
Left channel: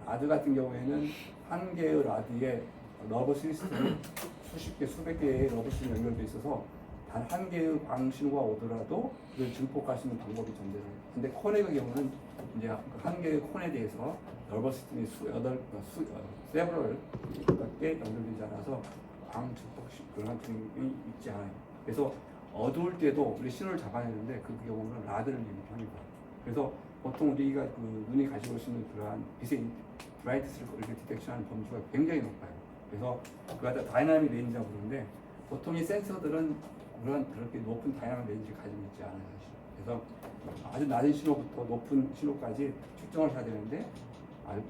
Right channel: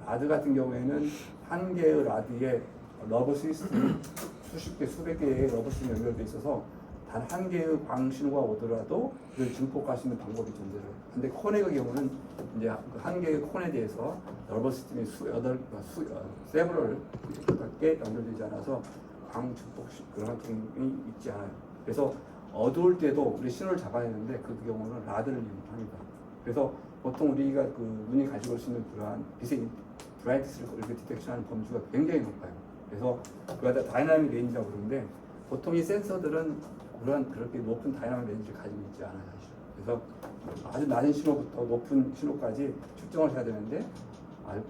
라드 같은 경우에는 한 개의 라드에 러버 시스템이 수십 개, 수백 개의 러버 시스템이 연결되어 있어서 단 한 개의 광신호가 오더라도 그걸 증폭할 수 있는 방법이 존재해요. 근데 콘의 경우는 이제 한 개의 콘에 대해서 러버 시스템이 세브럴 개 연결되지 않아서 광 증폭식 그런 경우이 있지 않아요. 그래서 어두울 때도 우리 신호를 잡아야 되는데, 그 경우는 라드를 이용합니다. 그래서 보통 우리가 눈이 가지고 올 수 있는 그러한 빛의 브라이트스를 이렇게 디텍션하는 범주가 굉장히 높아요. 그래서 그걸 다 다이나믹 레인지라고 그러는데, 보통 이 센서들은 그렇게 높은 다양한 렌즈를 가지고 있지 않아요. 사실은. 그래서 아주 낮은 신호부터 높은 신호까지 측정을 해야 되는데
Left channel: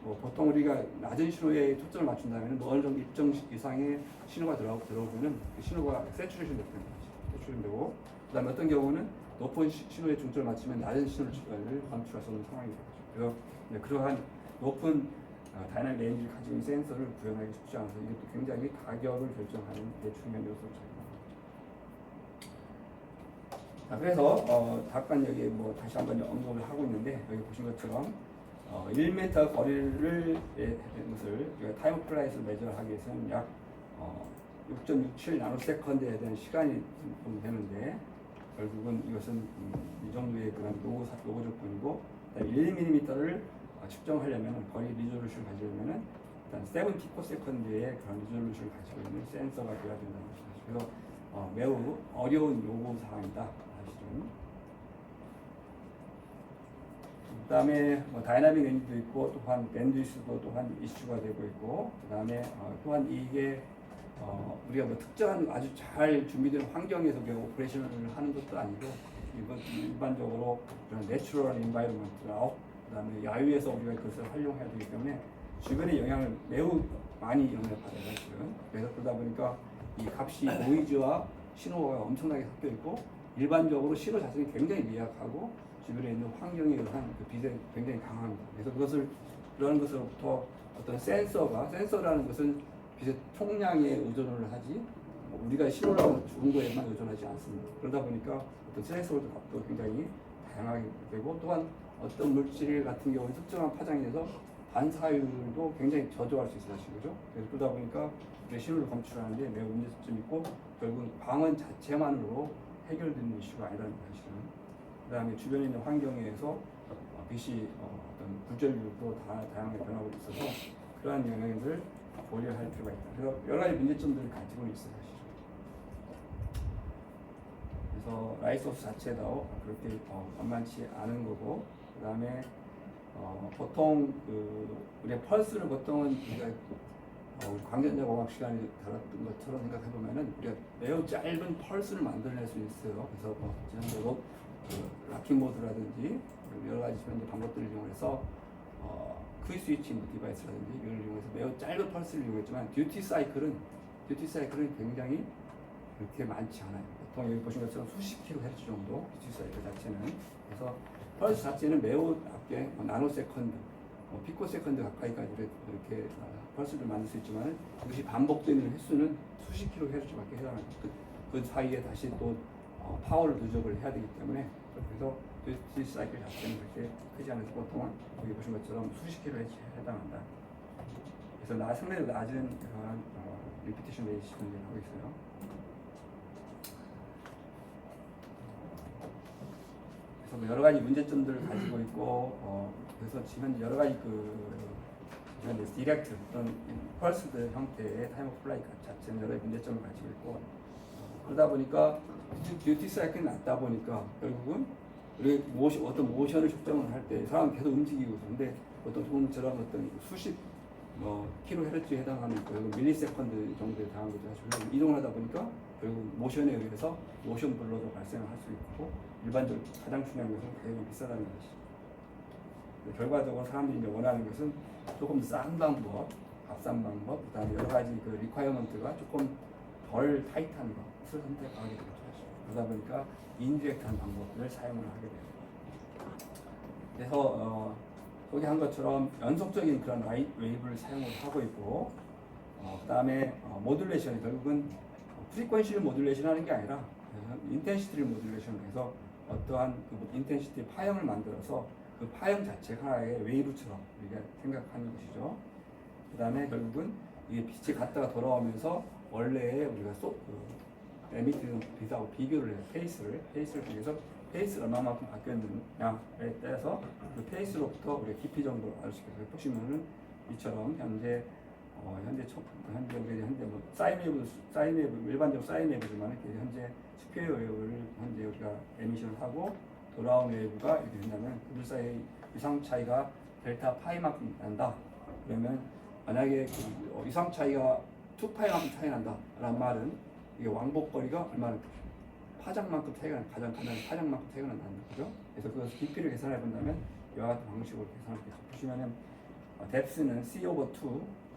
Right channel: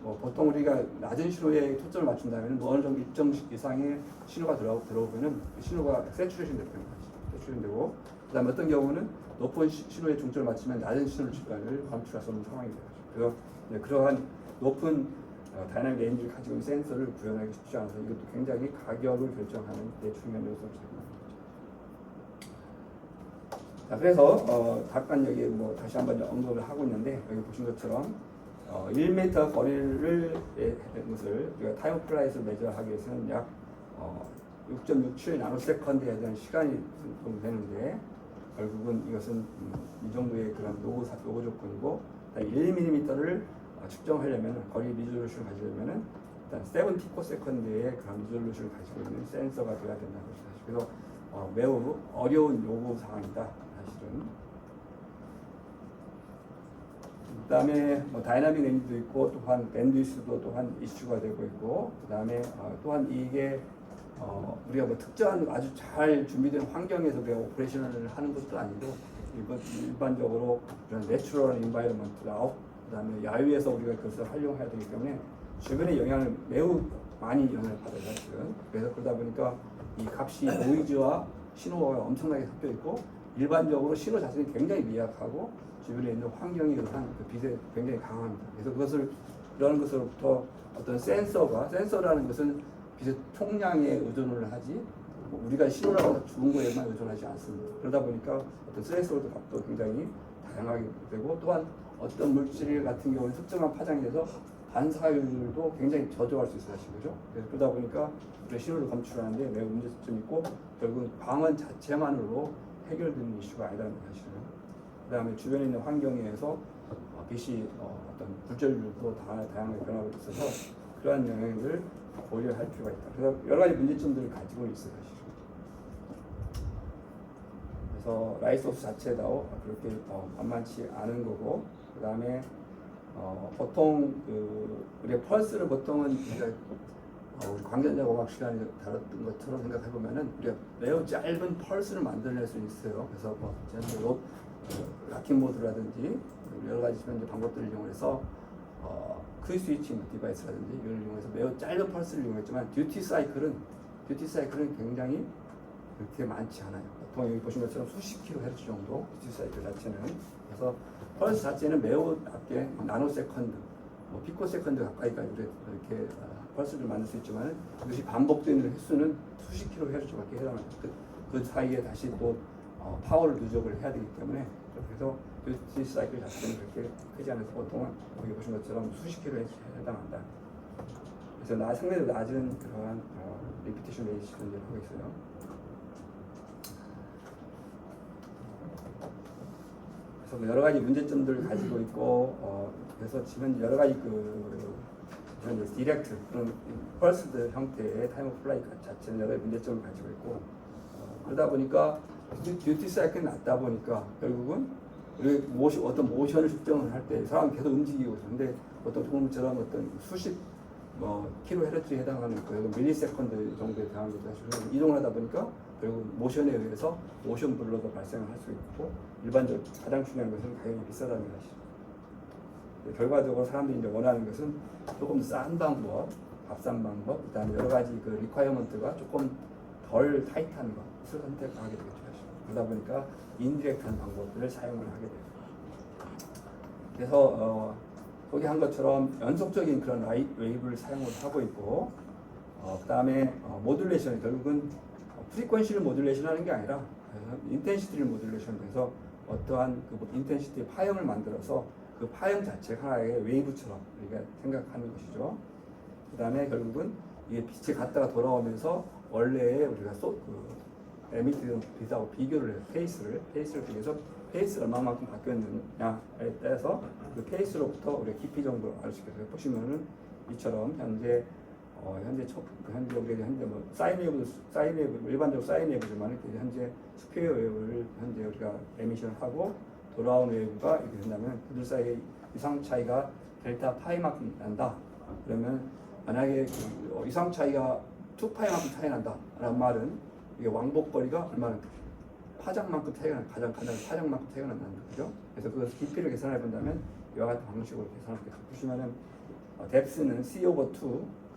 보통 우리가 낮은 신호에 초점을 맞춘다면 어느 정도 일정 이상의 신호가 들어오면은 그 신호가 세츄레이션 되는 거지. 세츄레이션 되고 그다음에 어떤 경우는 높은 신호에 중점을 맞추면 낮은 신호를 검출할 수 없는 상황이 되죠. 그래서 그러한 높은 다이나믹 렌즈를 가지고 있는 센서를 구현하기 쉽지 않아서 이것도 굉장히 가격을 결정하는 중요한 요소를 차지합니다. 자, 그래서 잠깐 여기 다시 한번 언급을 하고 있는데 여기 보신 것처럼 1m 거리를 것을 우리가 타임 플라이트를 매저하기 위해서는 약 6.67 나노세컨드에 대한 시간이 좀 되는데 결국은 이것은 이 정도의 그런 요구 조건이고 1mm를 측정하려면 거리 리졸루션을 가지려면은 일단 74세컨드의 그런 리졸루션을 가지고 있는 센서가 되어야 된다는 것이죠. 그래서 매우 어려운 요구 사항이다 사실은. 그다음에 다이나믹 렌즈도 있고 또한 밴드위스도 또한 이슈가 되고 있고 그다음에 또한 이게 우리가 특정한 아주 잘 준비된 환경에서 우리가 오퍼레이션을 하는 것도 아니고 일반적으로 그런 내추럴 인바이러먼트 아웃 그다음에 야외에서 우리가 그것을 활용해야 되기 때문에 주변의 영향을 매우 많이 영향을 받아요. 그래서 그러다 보니까 이 값이 노이즈와 신호가 엄청나게 섞여 있고 일반적으로 신호 자체는 굉장히 미약하고 주변에 있는 환경에 의한 그 빛에 굉장히 강합니다. 그래서 그런 것으로부터 어떤 센서라는 것은 빛의 총량에 의존을 하지 우리가 신호라고 주는 거에만 의존하지 않습니다. 그러다 보니까 어떤 센서로도 값도 굉장히 다양하게 되고 또한 어떤 물질 같은 경우는 특정한 파장에서 반사율도 굉장히 저조할 수 있어요. 그죠? 그래서 그러다 보니까 우리 신호를 검출하는데 매우 문제점이 있고 결국은 광원 자체만으로 해결되는 이슈가 아니라는 사실은. 그 다음에 주변에 있는 환경에 의해서 빛이 어떤 불절율도 다양하게 변하고 있어서 그러한 영향을 고려할 필요가 있다. 그래서 여러 가지 문제점들을 가지고 있어요. 사실은. 그래서 라이소스 자체도 그렇게 만만치 않은 거고 그 다음에 보통 우리 펄스를 보통은 우리 광전자공학 시간에 다뤘던 것처럼 생각해 보면은 우리가 매우 짧은 펄스를 만들어낼 수 있어요. 그래서 락킹 모드라든지 여러 가지 방법들을 이용해서 퀴 스위칭 디바이스라든지 이걸 이용해서 매우 짧은 펄스를 이용했지만 듀티 사이클은 굉장히 그렇게 많지 않아요. 보통 여기 보신 것처럼 수십 kHz 정도 듀티 사이클 자체는. 그래서 펄스 자체는 매우 낮게 나노세컨드, 피코세컨드 가까이까지 이렇게 펄스를 만들 수 있지만 그것이 반복되는 횟수는 수십 kHz밖에 해당합니다. 그 사이에 다시 또 파워를 누적을 해야 되기 때문에 그래서 듀티 사이클 자체는 그렇게 크지 않아서 보통은 여기 보신 것처럼 수십 kHz에 해당한다. 그래서 상대적으로 낮은 그러한 리피티션 레이시를 하고 있어요. 그래서 여러 가지 문제점들을 가지고 있고 그래서 지금 여러 가지 디렉트 그런 펄스드 형태의 타임 오브 플라이 자체는 여러 가지 문제점을 가지고 있고 그러다 보니까 듀티 사이클이 낮다 보니까 결국은 우리 어떤 모션을 측정을 할 때 사람이 계속 움직이고 있는데 어떤 조금처럼 어떤 수십 킬로헤르츠에 해당하는 밀리세컨드 정도에 해당하는 거죠. 이동을 하다 보니까 결국 모션에 의해서 모션 블러도 발생할 수 있고 일반적으로 가장 중요한 것은 가격이 비싸다는 것이죠. 결과적으로 사람들이 이제 원하는 것은 조금 더 싼 방법, 값싼 방법, 그다음에 여러 가지 리ኳ이어먼트가 조금 덜 타이트한 것을 선택하게 되겠죠. 그러다 보니까 인디렉트한 방법들을 사용을 하게 돼요. 그래서 거기 한 것처럼 연속적인 그런 웨이브를 사용을 하고 있고, 그다음에 모듈레이션 결국은 프리퀀시를 모듈레이션 하는 게 아니라 인텐시티를 모듈레이션해서 어떠한 인텐시티 파형을 만들어서 그 파형 자체가 하나의 웨이브처럼 우리가 생각하는 것이죠. 그다음에 결국은 이게 빛이 갔다가 돌아오면서 원래의 우리가 에미티드 빛하고 비교를 해요. 페이스를 통해서 페이스가 얼마만큼 바뀌었느냐에 따라서 그 페이스로부터 우리가 깊이 정도를 알 수 있게 보시면은 이처럼 현재 우리가 사인웨이브 일반적으로 사인웨이브지만 현재 스퀘어 웨이브를 현재 우리가 에미션하고 돌아온 웨이브가 이렇게 된다면 그들 사이 이상 차이가 델타 파이만큼 난다. 그러면 만약에 이상 차이가 2파이만큼 차이 난다라는 말은 이게 왕복거리가 얼마나 파장만큼 차이가 가장 파장만큼 차이가 난다는 거죠. 그래서 그 깊이를 계산해 본다면 이와 같은 방식으로 계산할 수 있겠죠. 보시면은 뎁스는 c over 2,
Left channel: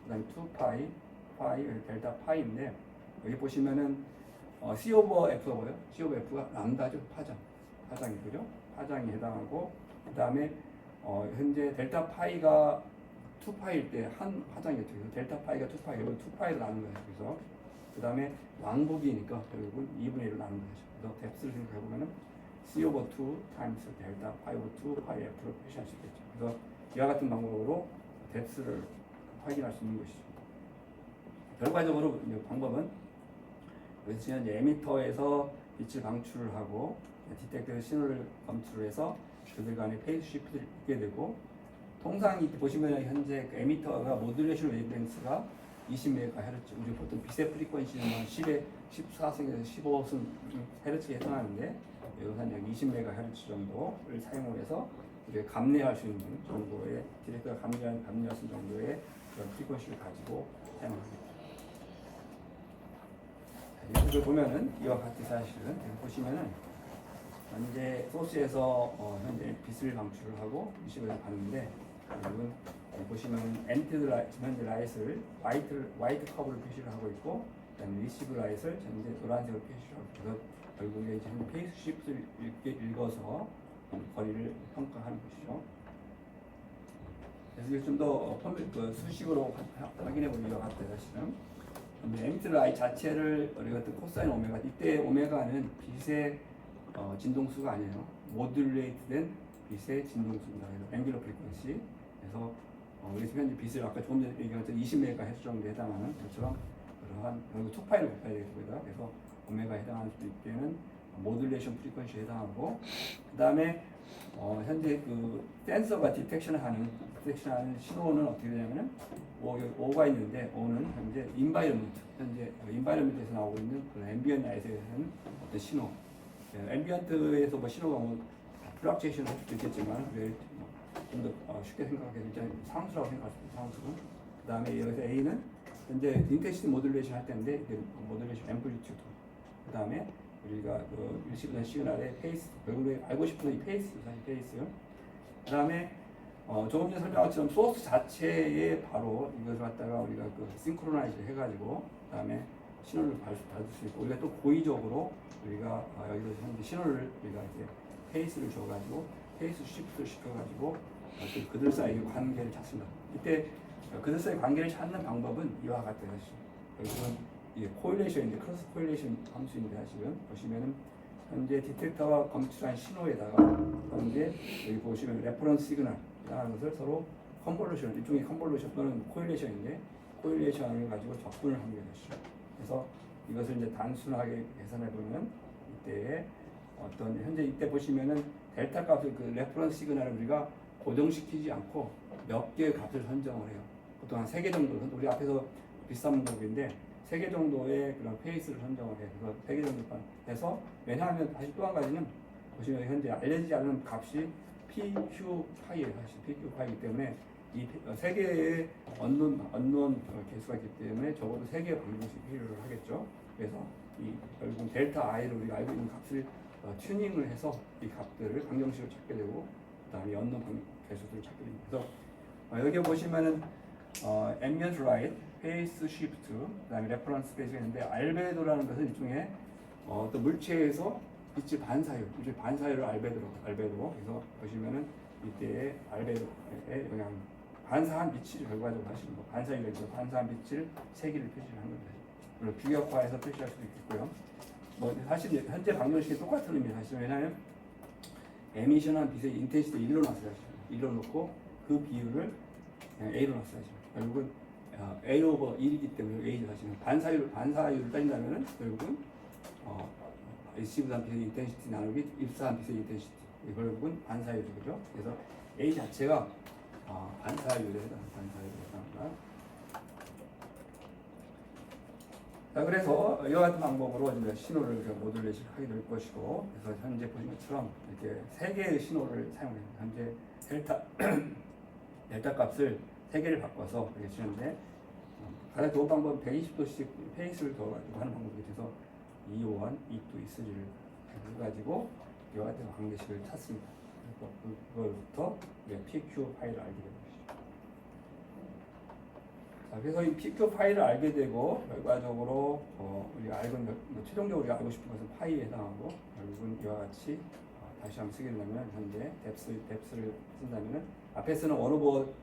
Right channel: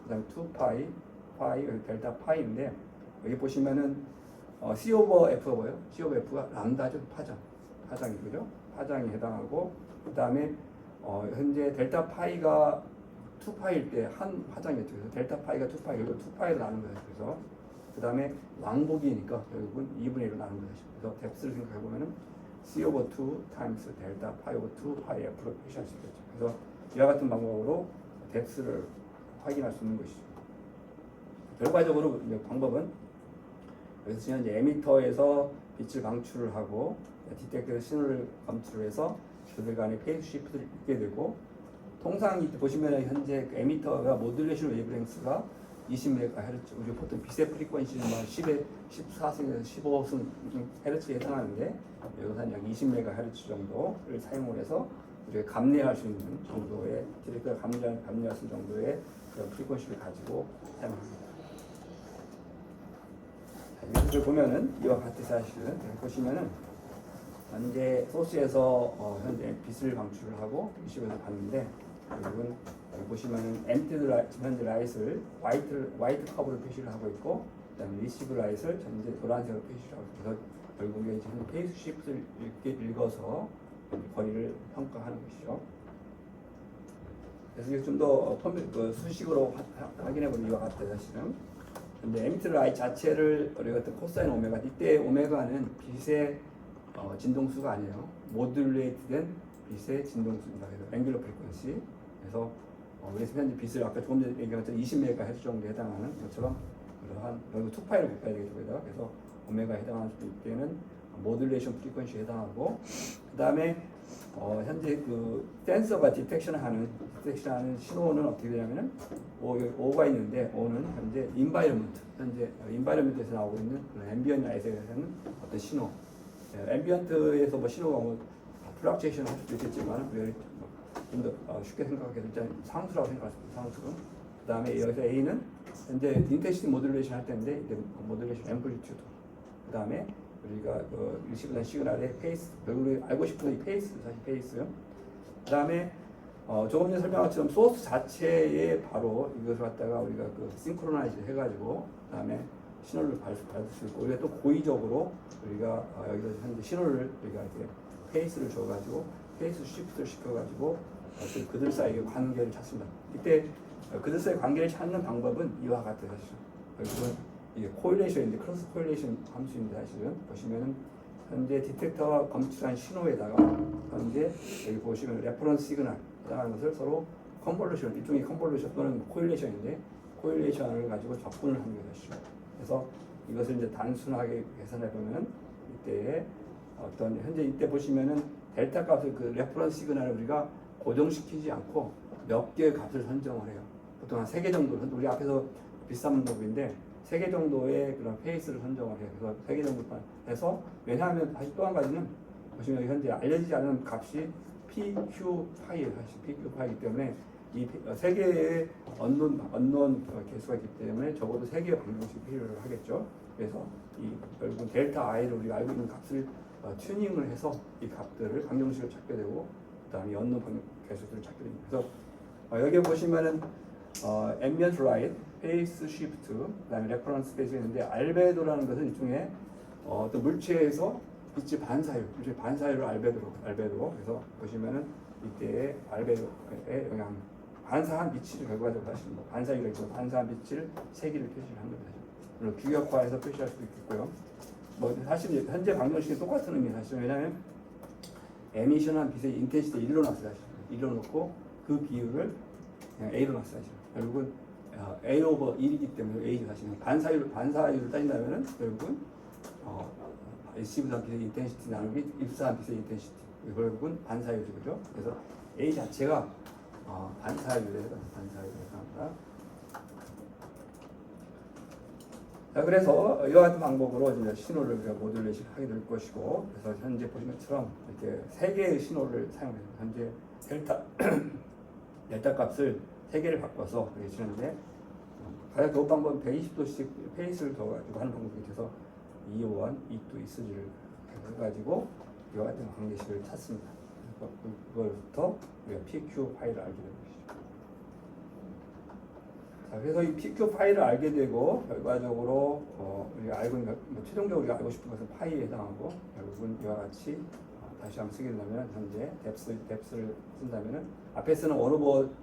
그다음에 2파이, 파이, 델타 파이인데 여기 보시면은 c over f가요? c over f가 람다죠. 파장이 그죠? 파장이 해당하고 그다음에 현재 델타 파이가 2파일 때 한 파장이었죠. 그래서 델타 파이가 2파이, 그리고 2파이로 나눈 거예요. 그래서 그 다음에 왕복이니까 결국은 2분의 1로 나눈 거죠. 그래서 뎁스를 생각해 보면은 c over 2 times 델타 파이 over 2 파이 f로 표시할 수 있겠죠. 그래서 이와 같은 방법으로 뎁스를 확인할 수 있는 것이죠. 결과적으로 이제 방법은 여기서 이제 에미터에서 빛을 방출을 하고 디텍터에서 신호를 검출해서 그들 간의 페이스 시프트를 있게 되고 통상 이때 보시면 현재 그 에미터가 모듈레이션 웨이브랭스가 20MHz, 우리 보통 빛의 프리퀀시는 뭐 10에 14승에서 15승 헤르츠에 해당하는데 여기서는 약 20MHz 정도를 사용을 해서 우리가 감내할 수 있는 정도의 디렉터가 감내할 수 있는 정도의 그런 프리퀀시를 가지고 사용합니다. 여기서 보면은 이와 같은 사실은 보시면은 현재 소스에서 현재 빛을 방출을 하고 리시버를 받는데 결국은 여기 보시면은 엔티드 현재 라이트를 화이트 커브로 표시를 하고 있고 그다음에 리시브 라이트를 현재 노란색으로 표시를 하고 있어서 결국에 이제 한 페이스 시프트를 읽어서 거리를 평가하는 것이죠. 그래서 좀 더 수식으로 확인해 보면 이와 같아요. 사실은 근데 엔티드 라이트 자체를 우리가 코사인 오메가 이때 오메가는 빛의 진동수가 아니에요. 모듈레이트된 빛의 진동수입니다. 그래서 앵귤러 프리퀀시. 그래서 우리 현재 빛을 아까 조금 전에 얘기한 것처럼 20MHz 정도에 해당하는 것처럼 그러한 결국 2파이를 곱해야 되겠습니다. 그래서 오메가에 해당할 때는 모듈레이션 프리퀀시에 해당하고 그 다음에 현재 그 센서가 디텍션하는 신호는 어떻게 되냐면은 O가 있는데 O는 현재 현재 인바이러먼트에서 나오고 있는 그런 앰비언트 라이트에서는 어떤 신호 앰비언트에서 뭐 신호가 플락츄에이션 할 수도 있겠지만 좀 더 쉽게 생각하게 되면 상수라고 생각할 수 있습니다. 상수. 그 다음에 여기서 A는 현재 인텐시티 모듈레이션 할 때인데 이게 모듈레이션 앰플리튜드. 그 다음에 우리가 그 리시브된 시그널의 페이스, 결국에 알고 싶은 이 페이스, 사실 페이스. 그 다음에 조금 전에 설명한 것처럼 소스 자체에 바로 이것을 갖다가 우리가 그 싱크로나이즈 해가지고 그 다음에 신호를 받을 수 있고 우리가 또 고의적으로 우리가 여기서 현재 신호를 우리가 이렇게 페이스를 줘가지고 페이스 시프트를 시켜가지고 그들 사이의 관계를 찾습니다. 이때 그들 사이의 관계를 찾는 방법은 이와 같아요. 결국은 이게 코일레이션인데 크로스 코일레이션 함수인데 사실은 보시면은 현재 디텍터가 검출한 신호에다가 현재 여기 보시면 레퍼런스 시그널 해당하는 것을 서로 컨볼루션 일종의 컨볼루션 또는 코일레이션인데 코일레이션을 가지고 적분을 하는 것이죠. 그래서 이것을 이제 단순하게 계산해 보면 이때 어떤 현재 이때 보시면은 델타 값을 그 레퍼런스 시그널을 우리가 고정시키지 않고 몇 개의 값을 선정을 해요. 보통 한 3개 정도, 우리 앞에서 비슷한 방법인데 3개 정도의 그런 페이스를 선정을 해요. 그래서 3개 정도 해서 왜냐하면 다시 또 한 가지는 보시면 현재 알려지지 않은 값이 PQ 파이예요. 사실 PQ 파이이기 때문에 이 3개의 언론 개수가 있기 때문에 적어도 3개의 방정식이 필요를 하겠죠. 그래서 이 결국은 델타 I를 우리가 알고 있는 값을 튜닝을 해서 이 값들을 방정식을 찾게 되고 그다음에 언론 개수들을 찾게 됩니다. 그래서 여기 보시면은 ambient light, phase shift, 그다음에 reference space가 있는데 알베도라는 것은 일종의 어떤 물체에서 빛의 반사율을 알베도로 그래서 보시면은 이때 알베도의 영향 반사한 빛이 결과적으로 하시는 거 반사율이 있고 반사한 빛을 세기를 표시를 하는 거죠. 그리고 비격화해서 표시할 수도 있겠고요. 뭐 사실 현재 방정식이 똑같은 의미예요. 사실 왜냐하면 에미션한 빛의 인텐시티 1로 놨어요. 1로 놓고 그 비율을 A로 놨어요. 결국은 A 오버 1이기 때문에 A죠. 사실 반사율을 따진다면은 결국은 리시브한 빛의 인텐시티 나누기 입사한 빛의 인텐시티 결국은 반사율이죠. 그죠? 그래서 A 자체가 반사율에 해당합니다. 자, 그래서 이와 같은 방법으로 이제 신호를 우리가 모듈레이션 하게 될 것이고, 그래서 현재 보신 것처럼 이렇게 3개의 신호를 사용합니다. 현재 델타 값을 3개를 바꿔서 이렇게 주는데 가장 좋은 방법은 120도씩 페이스를 더 가지고 하는 방법이 돼서 E1, E2, E3를 해가지고 이와 같은 관계식을 찾습니다. 그걸부터 우리가 PQ 파일을 알게 되는 것이죠. 자, 그래서 이 PQ 파일을 알게 되고 결과적으로 우리가 알고 있는 최종적으로 우리가 알고 싶은 것은 파이에 해당하고 결국은 이와 같이 다시 한번 쓰게 되면 현재 뎁스를 쓴다면은 앞에 쓰는 1/2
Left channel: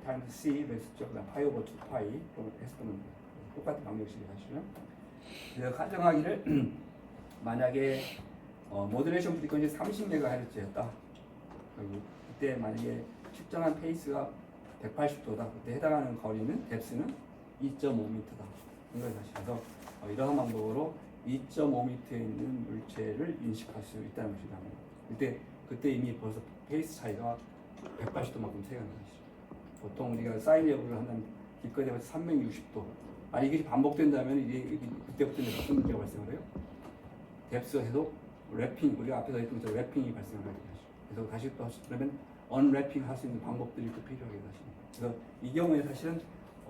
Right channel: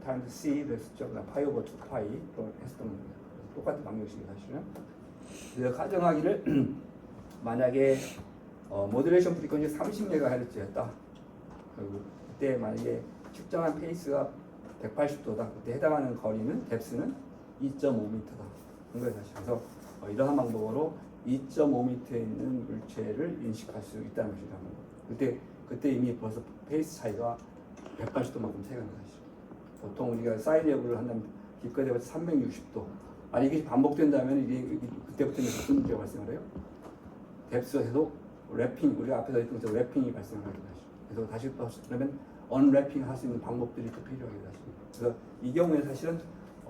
times c 숫자 그다음 파이 오버 2 파이로 했던 똑같은 방정식이 사실은. 그래서 가정하기를 만약에 모듈레이션 프리퀀시 30MHz였다. 그때 만약에 측정한 페이스가 180도다. 그때 해당하는 거리는 뎁스는 2.5m다. 그런 사실. 그래서 이러한 방법으로 2.5m에 있는 물체를 인식할 수 있다는 것이라는 거. 그때 이미 벌써 페이스 차이가 180도만큼 차이가 나는 것이죠. 보통 우리가 사인 여부를 하는 기껏해서 360도. 이게 반복된다면 이게 그때부터는 무슨 문제가 발생을 해요? 뎁스에도 랩핑, 우리 앞에서 했던 것처럼 랩핑이 발생하게 되죠. 그래서 다시 그러면 언랩핑 할 수 있는 방법들이 또 필요하게 되죠. 그래서 이 경우에 사실은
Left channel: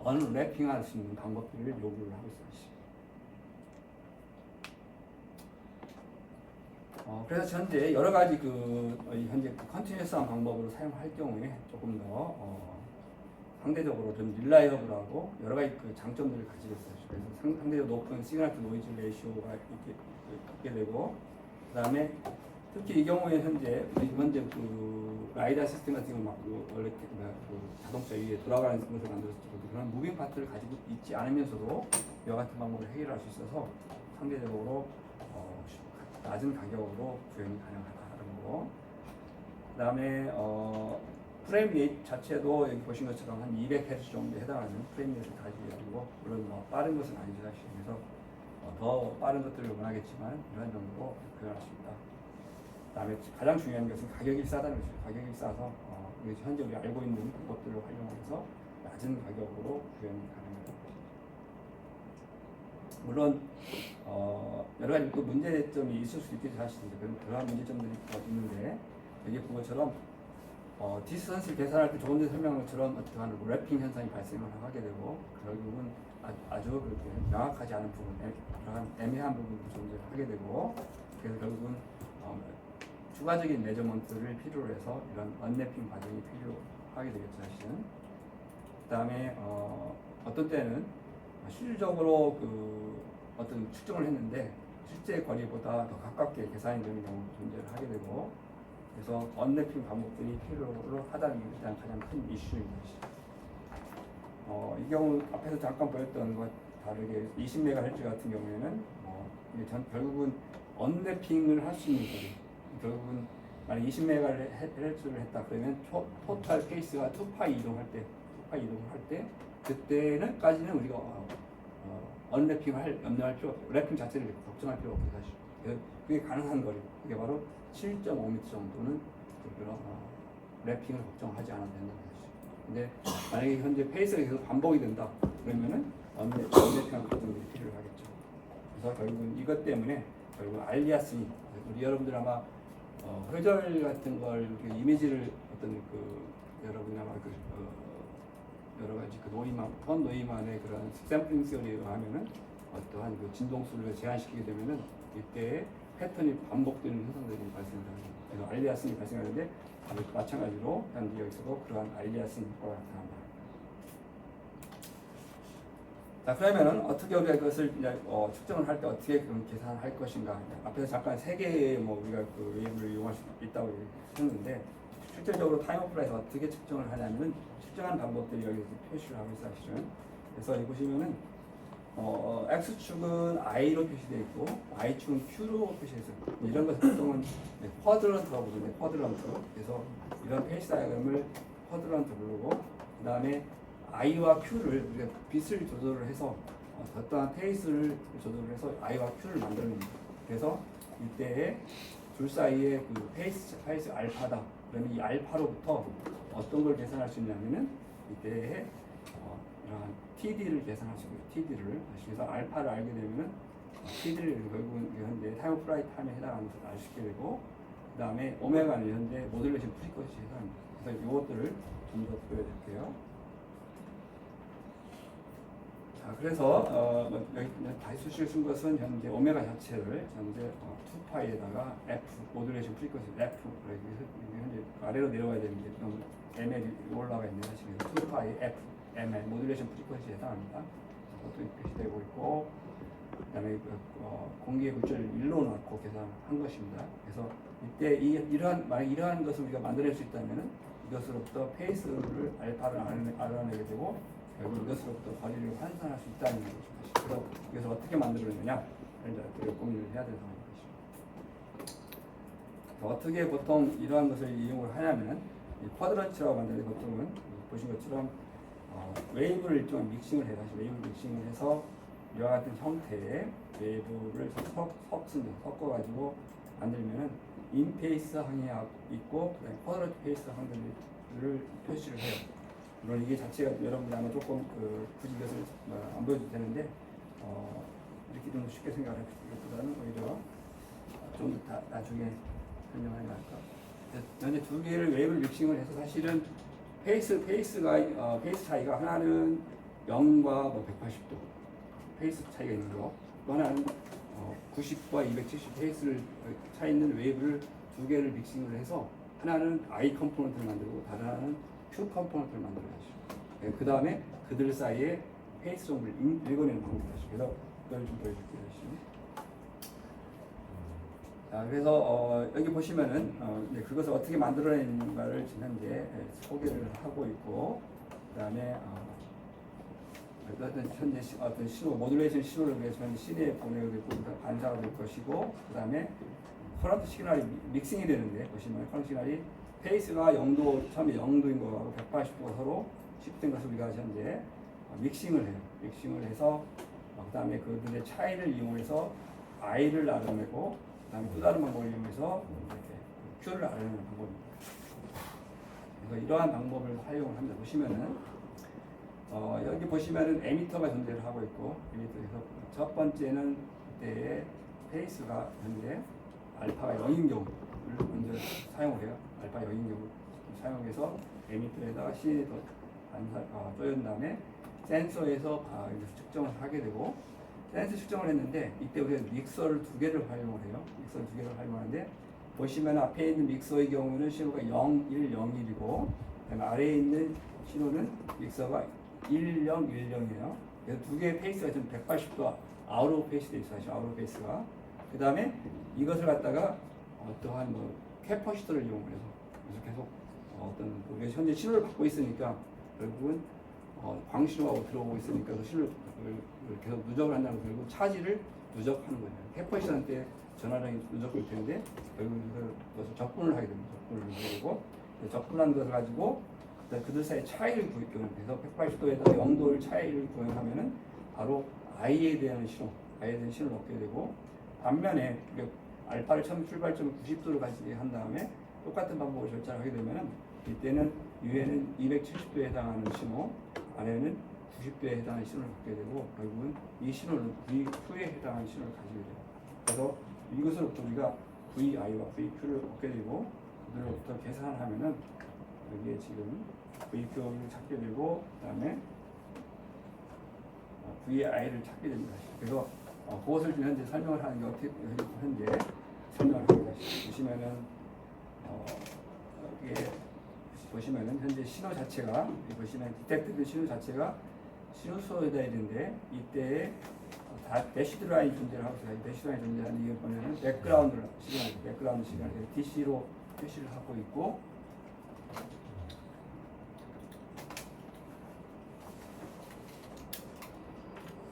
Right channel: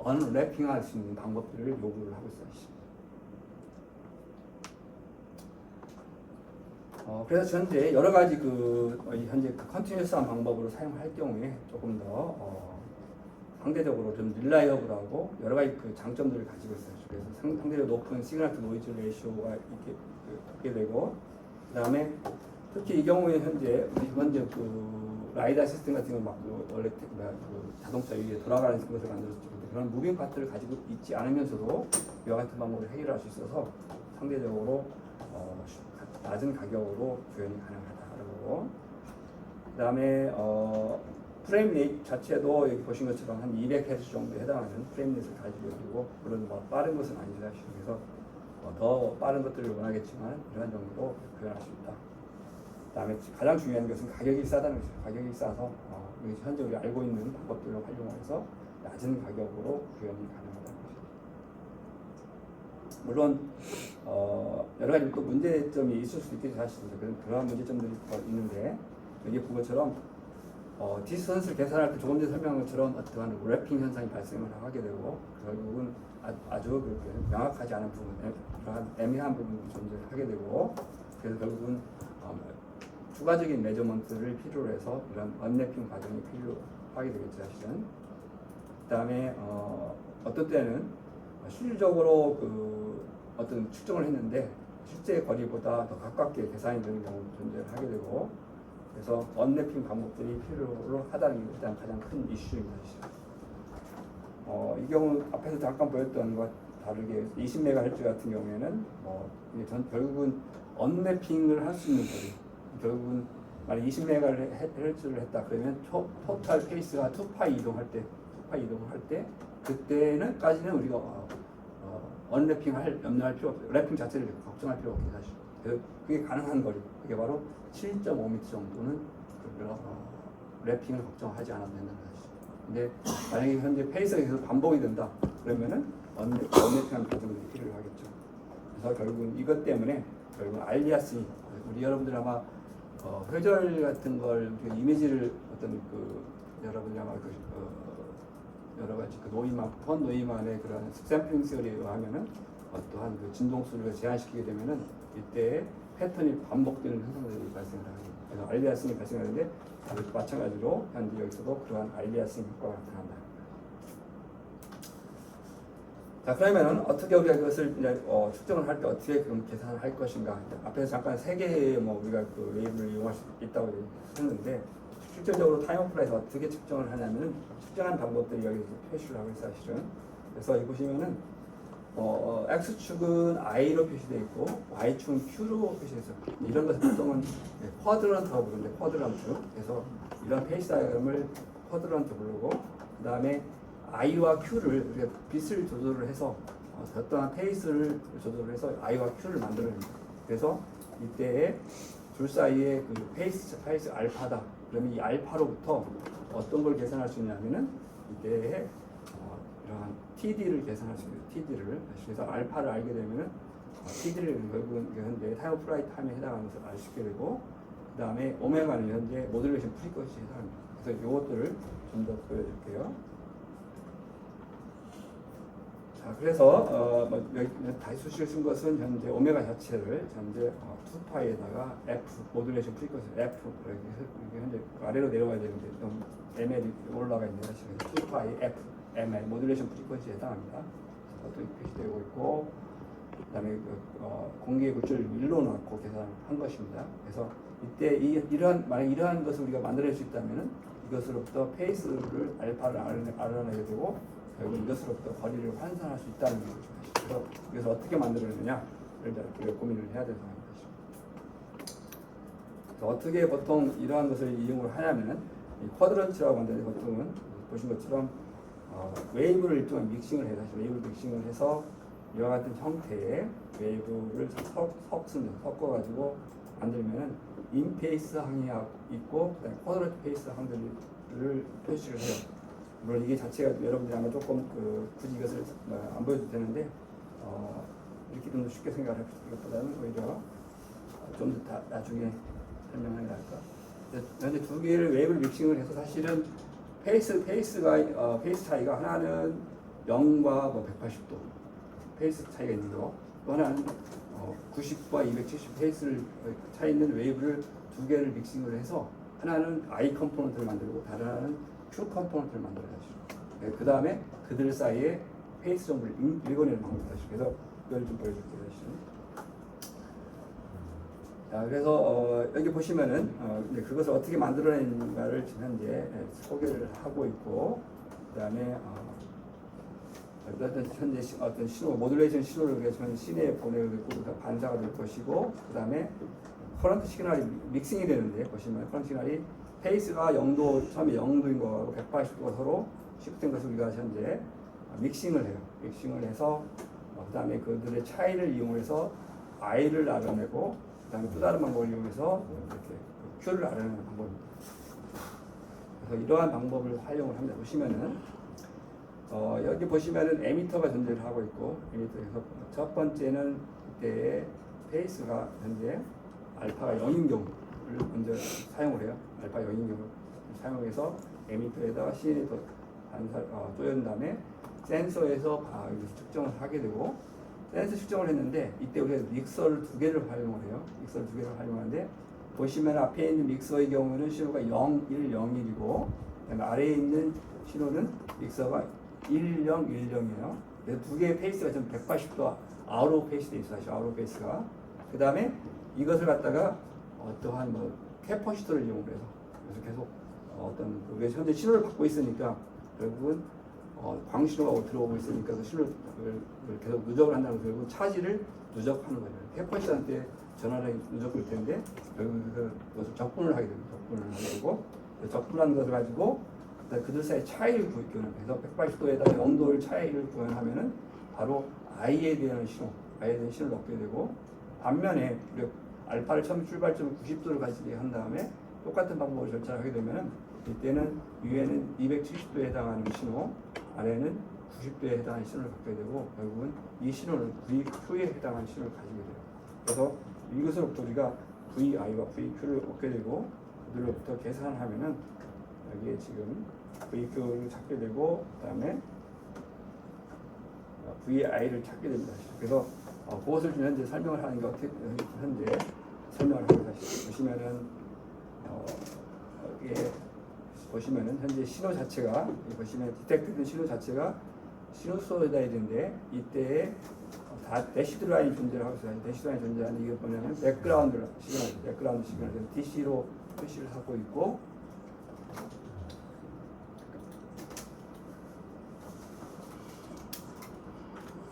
언랩핑 할 수 있는 방법들을 요구를 하고 있어요. 그래서 현재 여러 가지 현재 컨티뉴어스한 방법으로 사용할 경우에 조금 더 상대적으로 좀 릴라이어블하고 여러 가지 장점들을 가지고 있어요. 그래서 상대적으로 높은 시그널 투 노이즈 레이쇼가 이렇게 갖게 되고, 그다음에 특히 이 경우에 현재 라이다 시스템 같은 경우 원래 자동차 위에 돌아가는 것을 만들었죠. 그런 무빙 파트를 가지고 있지 않으면서도 이와 같은 방법을 해결할 수 있어서 상대적으로 낮은 가격으로 구현이 가능하다고. 그다음에 프레임 레이트 자체도 여기 보신 것처럼 한 200Hz 정도에 해당하는 프레임 레이트를 가지고 있고, 물론 빠른 것은 아니죠. 그래서 더 빠른 것들을 원하겠지만 이런 정도로 구현할 수 있다. 그다음에 가장 중요한 것은 가격이 싸다는 것이죠. 가격이 싸서 현재 우리가 알고 있는 방법들을 활용해서 낮은 가격으로 구현이 가능하다는 것이죠. 물론 여러 가지 또 문제점이 있을 수도 있겠죠. 사실 그런 문제점들이 있는데, 여기 본 것처럼 디스턴스를 계산할 때 조금 전에 설명한 것처럼 어떠한 랩핑 현상이 발생을 하게 되고, 결국은 아주 명확하지 않은 부분, 그러한 애매한 부분이 존재하게 되고, 그래서 결국은 추가적인 메저먼트를 필요로 해서 이런 언랩핑 과정이 필요하게 되겠죠. 사실은. 그다음에 어떤 때는 실질적으로 어떤 측정을 했는데 실제 거리보다 더 가깝게 계산이 되는 경우도 존재하게 되고, 그래서 언랩핑 방법들이 필요로 하다는 게 일단 가장 큰 이슈입니다. 이 경우 앞에서 잠깐 보였던 것 다르게 20MHz 같은 경우에는 결국은 언랩핑을 할 수 있는 거리, 결국은 만약 20MHz를 했다 그러면 토탈 페이스가 2파이 이동할 때 그때는까지는 우리가 언랩핑 염려할 필요 없어요. 랩핑 자체를 걱정할 필요 없게 사실. 그게 가능한 거리, 그게 바로 7.5m 정도는 랩핑을 걱정하지 않아도 된다는 것이죠. 근데 만약에 현재 페이스가 계속 반복이 된다 그러면은 언랩핑한 부분이 필요하겠죠. 그래서 결국은 이것 때문에 결국 알리아스니, 우리 여러분들 아마 회절 같은 걸 이미지를 여러분이 아마 여러 가지 폰 노이만의 그런 샘플링 시어리에 의하면은 어떠한 진동수를 제한시키게 되면은 이때 패턴이 반복되는 현상들이 발생합니다. 그래서 알리아스니 발생하는데 마찬가지로 현재 여기서도 그러한 알리아스니 효과가 나타난다. 자, 그러면은 어떻게 우리가 그것을 이제 측정을 할 때 어떻게 계산을 할 것인가? 앞에서 잠깐 세 개의 우리가 웨이브를 이용할 수 있다고 했는데, 실질적으로 타임 오프라에서 어떻게 측정을 하냐면은 측정한 방법들이 여기서 표시를 하고 있어요, 사실은. 그래서 여기 보시면은 X축은 I로 표시되어 있고 Y축은 Q로 표시되어 있어요. 이런 것을 보통은 쿼드런트라고 부르는데, 쿼드런트. 그래서 이런 페이스 다이어그램을 쿼드런트 부르고, 그 다음에 I와 Q를 우리가 빛을 조절을 해서 어떠한 페이스를 조절을 해서 I와 Q를 만들어냅니다. 그래서 이때에 둘 사이에 페이스 알파다. 그러면 이 알파로부터 어떤 걸 계산할 수 있냐면은 이때에 이러한 TD를 계산할 수 있어요. TD를. 그래서 알파를 알게 되면은 TD를 결국은 현재 타임 오브 플라이트 타임에 해당하는 것을 알 수 있게 되고, 그 다음에 오메가는 현재 모듈레이션 프리퀀시에 해당합니다. 그래서 이것들을 좀 더 보여드릴게요. 자, 그래서 여기 다시 수식을 쓴 것은 현재 오메가 자체를 현재 2파이에다가 F 모듈레이션 프리퀀시 F 이게 현재 아래로 내려가야 되는데 좀 ML이 올라가 있네요. 지금 2파이 F ML 모듈레이션 프리퀀시에 해당합니다. 그것도 표시되고 있고, 그다음에 공기의 굴절을 1로 넣고 계산한 것입니다. 그래서 이때 이러한 것을 우리가 만들어낼 수 있다면은 이것으로부터 페이스를 알파를 알아내게 되고, 결국 이것으로부터 거리를 환산할 수 있다는 것입니다. 그래서 어떻게 만들어내느냐를 우리가 고민을 해야 되는 상황입니다. 어떻게 보통 이러한 것을 이용을 하냐면, 이 쿼드런트라고 하는데 보통은 보신 것처럼 웨이브를 일종의 믹싱을 해서 웨이브 믹싱을 해서 이와 같은 형태의 웨이브를 섞어가지고 만들면은 인페이스 항이 있고 그다음에 쿼드런트 페이스 항들을 표시를 해요. 물론 이게 자체가 여러분들 아마 조금 굳이 이것을 안 보여도 되는데 이렇게 좀 쉽게 생각할 것보다는 오히려 좀 더 나중에 설명을 해야 할까. 현재 두 개를 웨이브를 믹싱을 해서 사실은 페이스 차이가 하나는 0과 180도 페이스 차이가 있는 거, 또 하나는 90과 270 페이스를 차이 있는 웨이브를 두 개를 믹싱을 해서 하나는 I 컴포넌트를 만들고 다른 하나는 Q 컴포넌트를 만들어야죠. 네, 그 다음에 그들 사이에 페이스 정보를 읽어내는 방법이죠. 그래서 이걸 좀 보여줄게요. 자, 그래서 여기 보시면은 그것을 어떻게 만들어내는가를 지금 현재 소개를 하고 있고, 그다음에 현재 어떤 신호 모듈레이션 신호를 우리가 시내에 보내고 반사가 될 것이고, 그다음에 커런트 시그널이 믹싱이 되는데 보시면 커런트 시그널이 페이스가 0도 처음에 0도인 거하고 180도가 서로 시프트된 것을 우리가 현재 믹싱을 해요. 믹싱을 해서 그다음에 그들의 차이를 이용해서 I를 알아내고, 그다음에 또 다른 방법을 이용해서 이렇게 Q를 알아내는 방법입니다. 그래서 이러한 방법을 활용을 합니다. 보시면은 여기 보시면은 에미터가 존재를 하고 있고, 에미터에서 첫 번째는 이때의 페이스가 현재 알파가 0인 경우를 먼저 사용을 해요. 알파 0인 경우를 사용해서 에미터에다가 CN에서 쪼연 다음에 센서에서 측정을 하게 되고, 센서 측정을 했는데 이때 우리가 믹서를 두 개를 활용을 해요. 믹서를 두 개를 활용하는데 보시면 앞에 있는 믹서의 경우는 신호가 0, 1, 0, 1이고, 그다음에 아래에 있는 신호는 믹서가 1, 0, 1, 0이에요. 그래서 두 개의 페이스가 좀 180도 아웃 오브 페이스 돼 있어요. 아웃 오브 페이스가. 그 다음에 이것을 갖다가 어떠한 캐퍼시터를 이용을 해서 계속 어떤 현재 신호를 받고 있으니까 결국은 광신호가 들어오고 있으니까 그 신호를 계속 누적을 한다는 거예요. 결국은 차지를 누적하는 거예요. 캐퍼시터한테 전화를 누적될 텐데 결국은 그것을 적분을 하게 됩니다. 적분을 하게 되고, 적분한 것을 가지고 그들 사이 차이를 구현해서 180도에다 0도를 차이를 구현하면은 바로 I에 대한 신호를 얻게 되고, 반면에 알파를 처음 출발점을 90도를 가지게 한 다음에 똑같은 방법으로 절차를 하게 되면 이때는 위에는 270도에 해당하는 신호, 아래는 90도에 해당하는 신호를 갖게 되고, 결국은 이 신호는 VQ에 해당하는 신호를 가지게 돼요. 그래서 이것으로부터 우리가 VI와 VQ를 얻게 되고, 그들로부터 계산을 하면은 여기에 지금 VQ를 찾게 되고, 그 다음에 VI를 찾게 됩니다. 그래서 그것을 좀 현재 설명을 하는 게 어떻게 현재 설명을 합니다. 보시면은 여기에 보시면은 현재 신호 자체가 보시면 디텍트된 신호 자체가 시누소이드인데 이때에 다 대시드 라인이 존재를 하고 있어요. 대시드 라인이 존재하는 이유 보면은 백그라운드 시그널 DC로 표시를 하고 있고,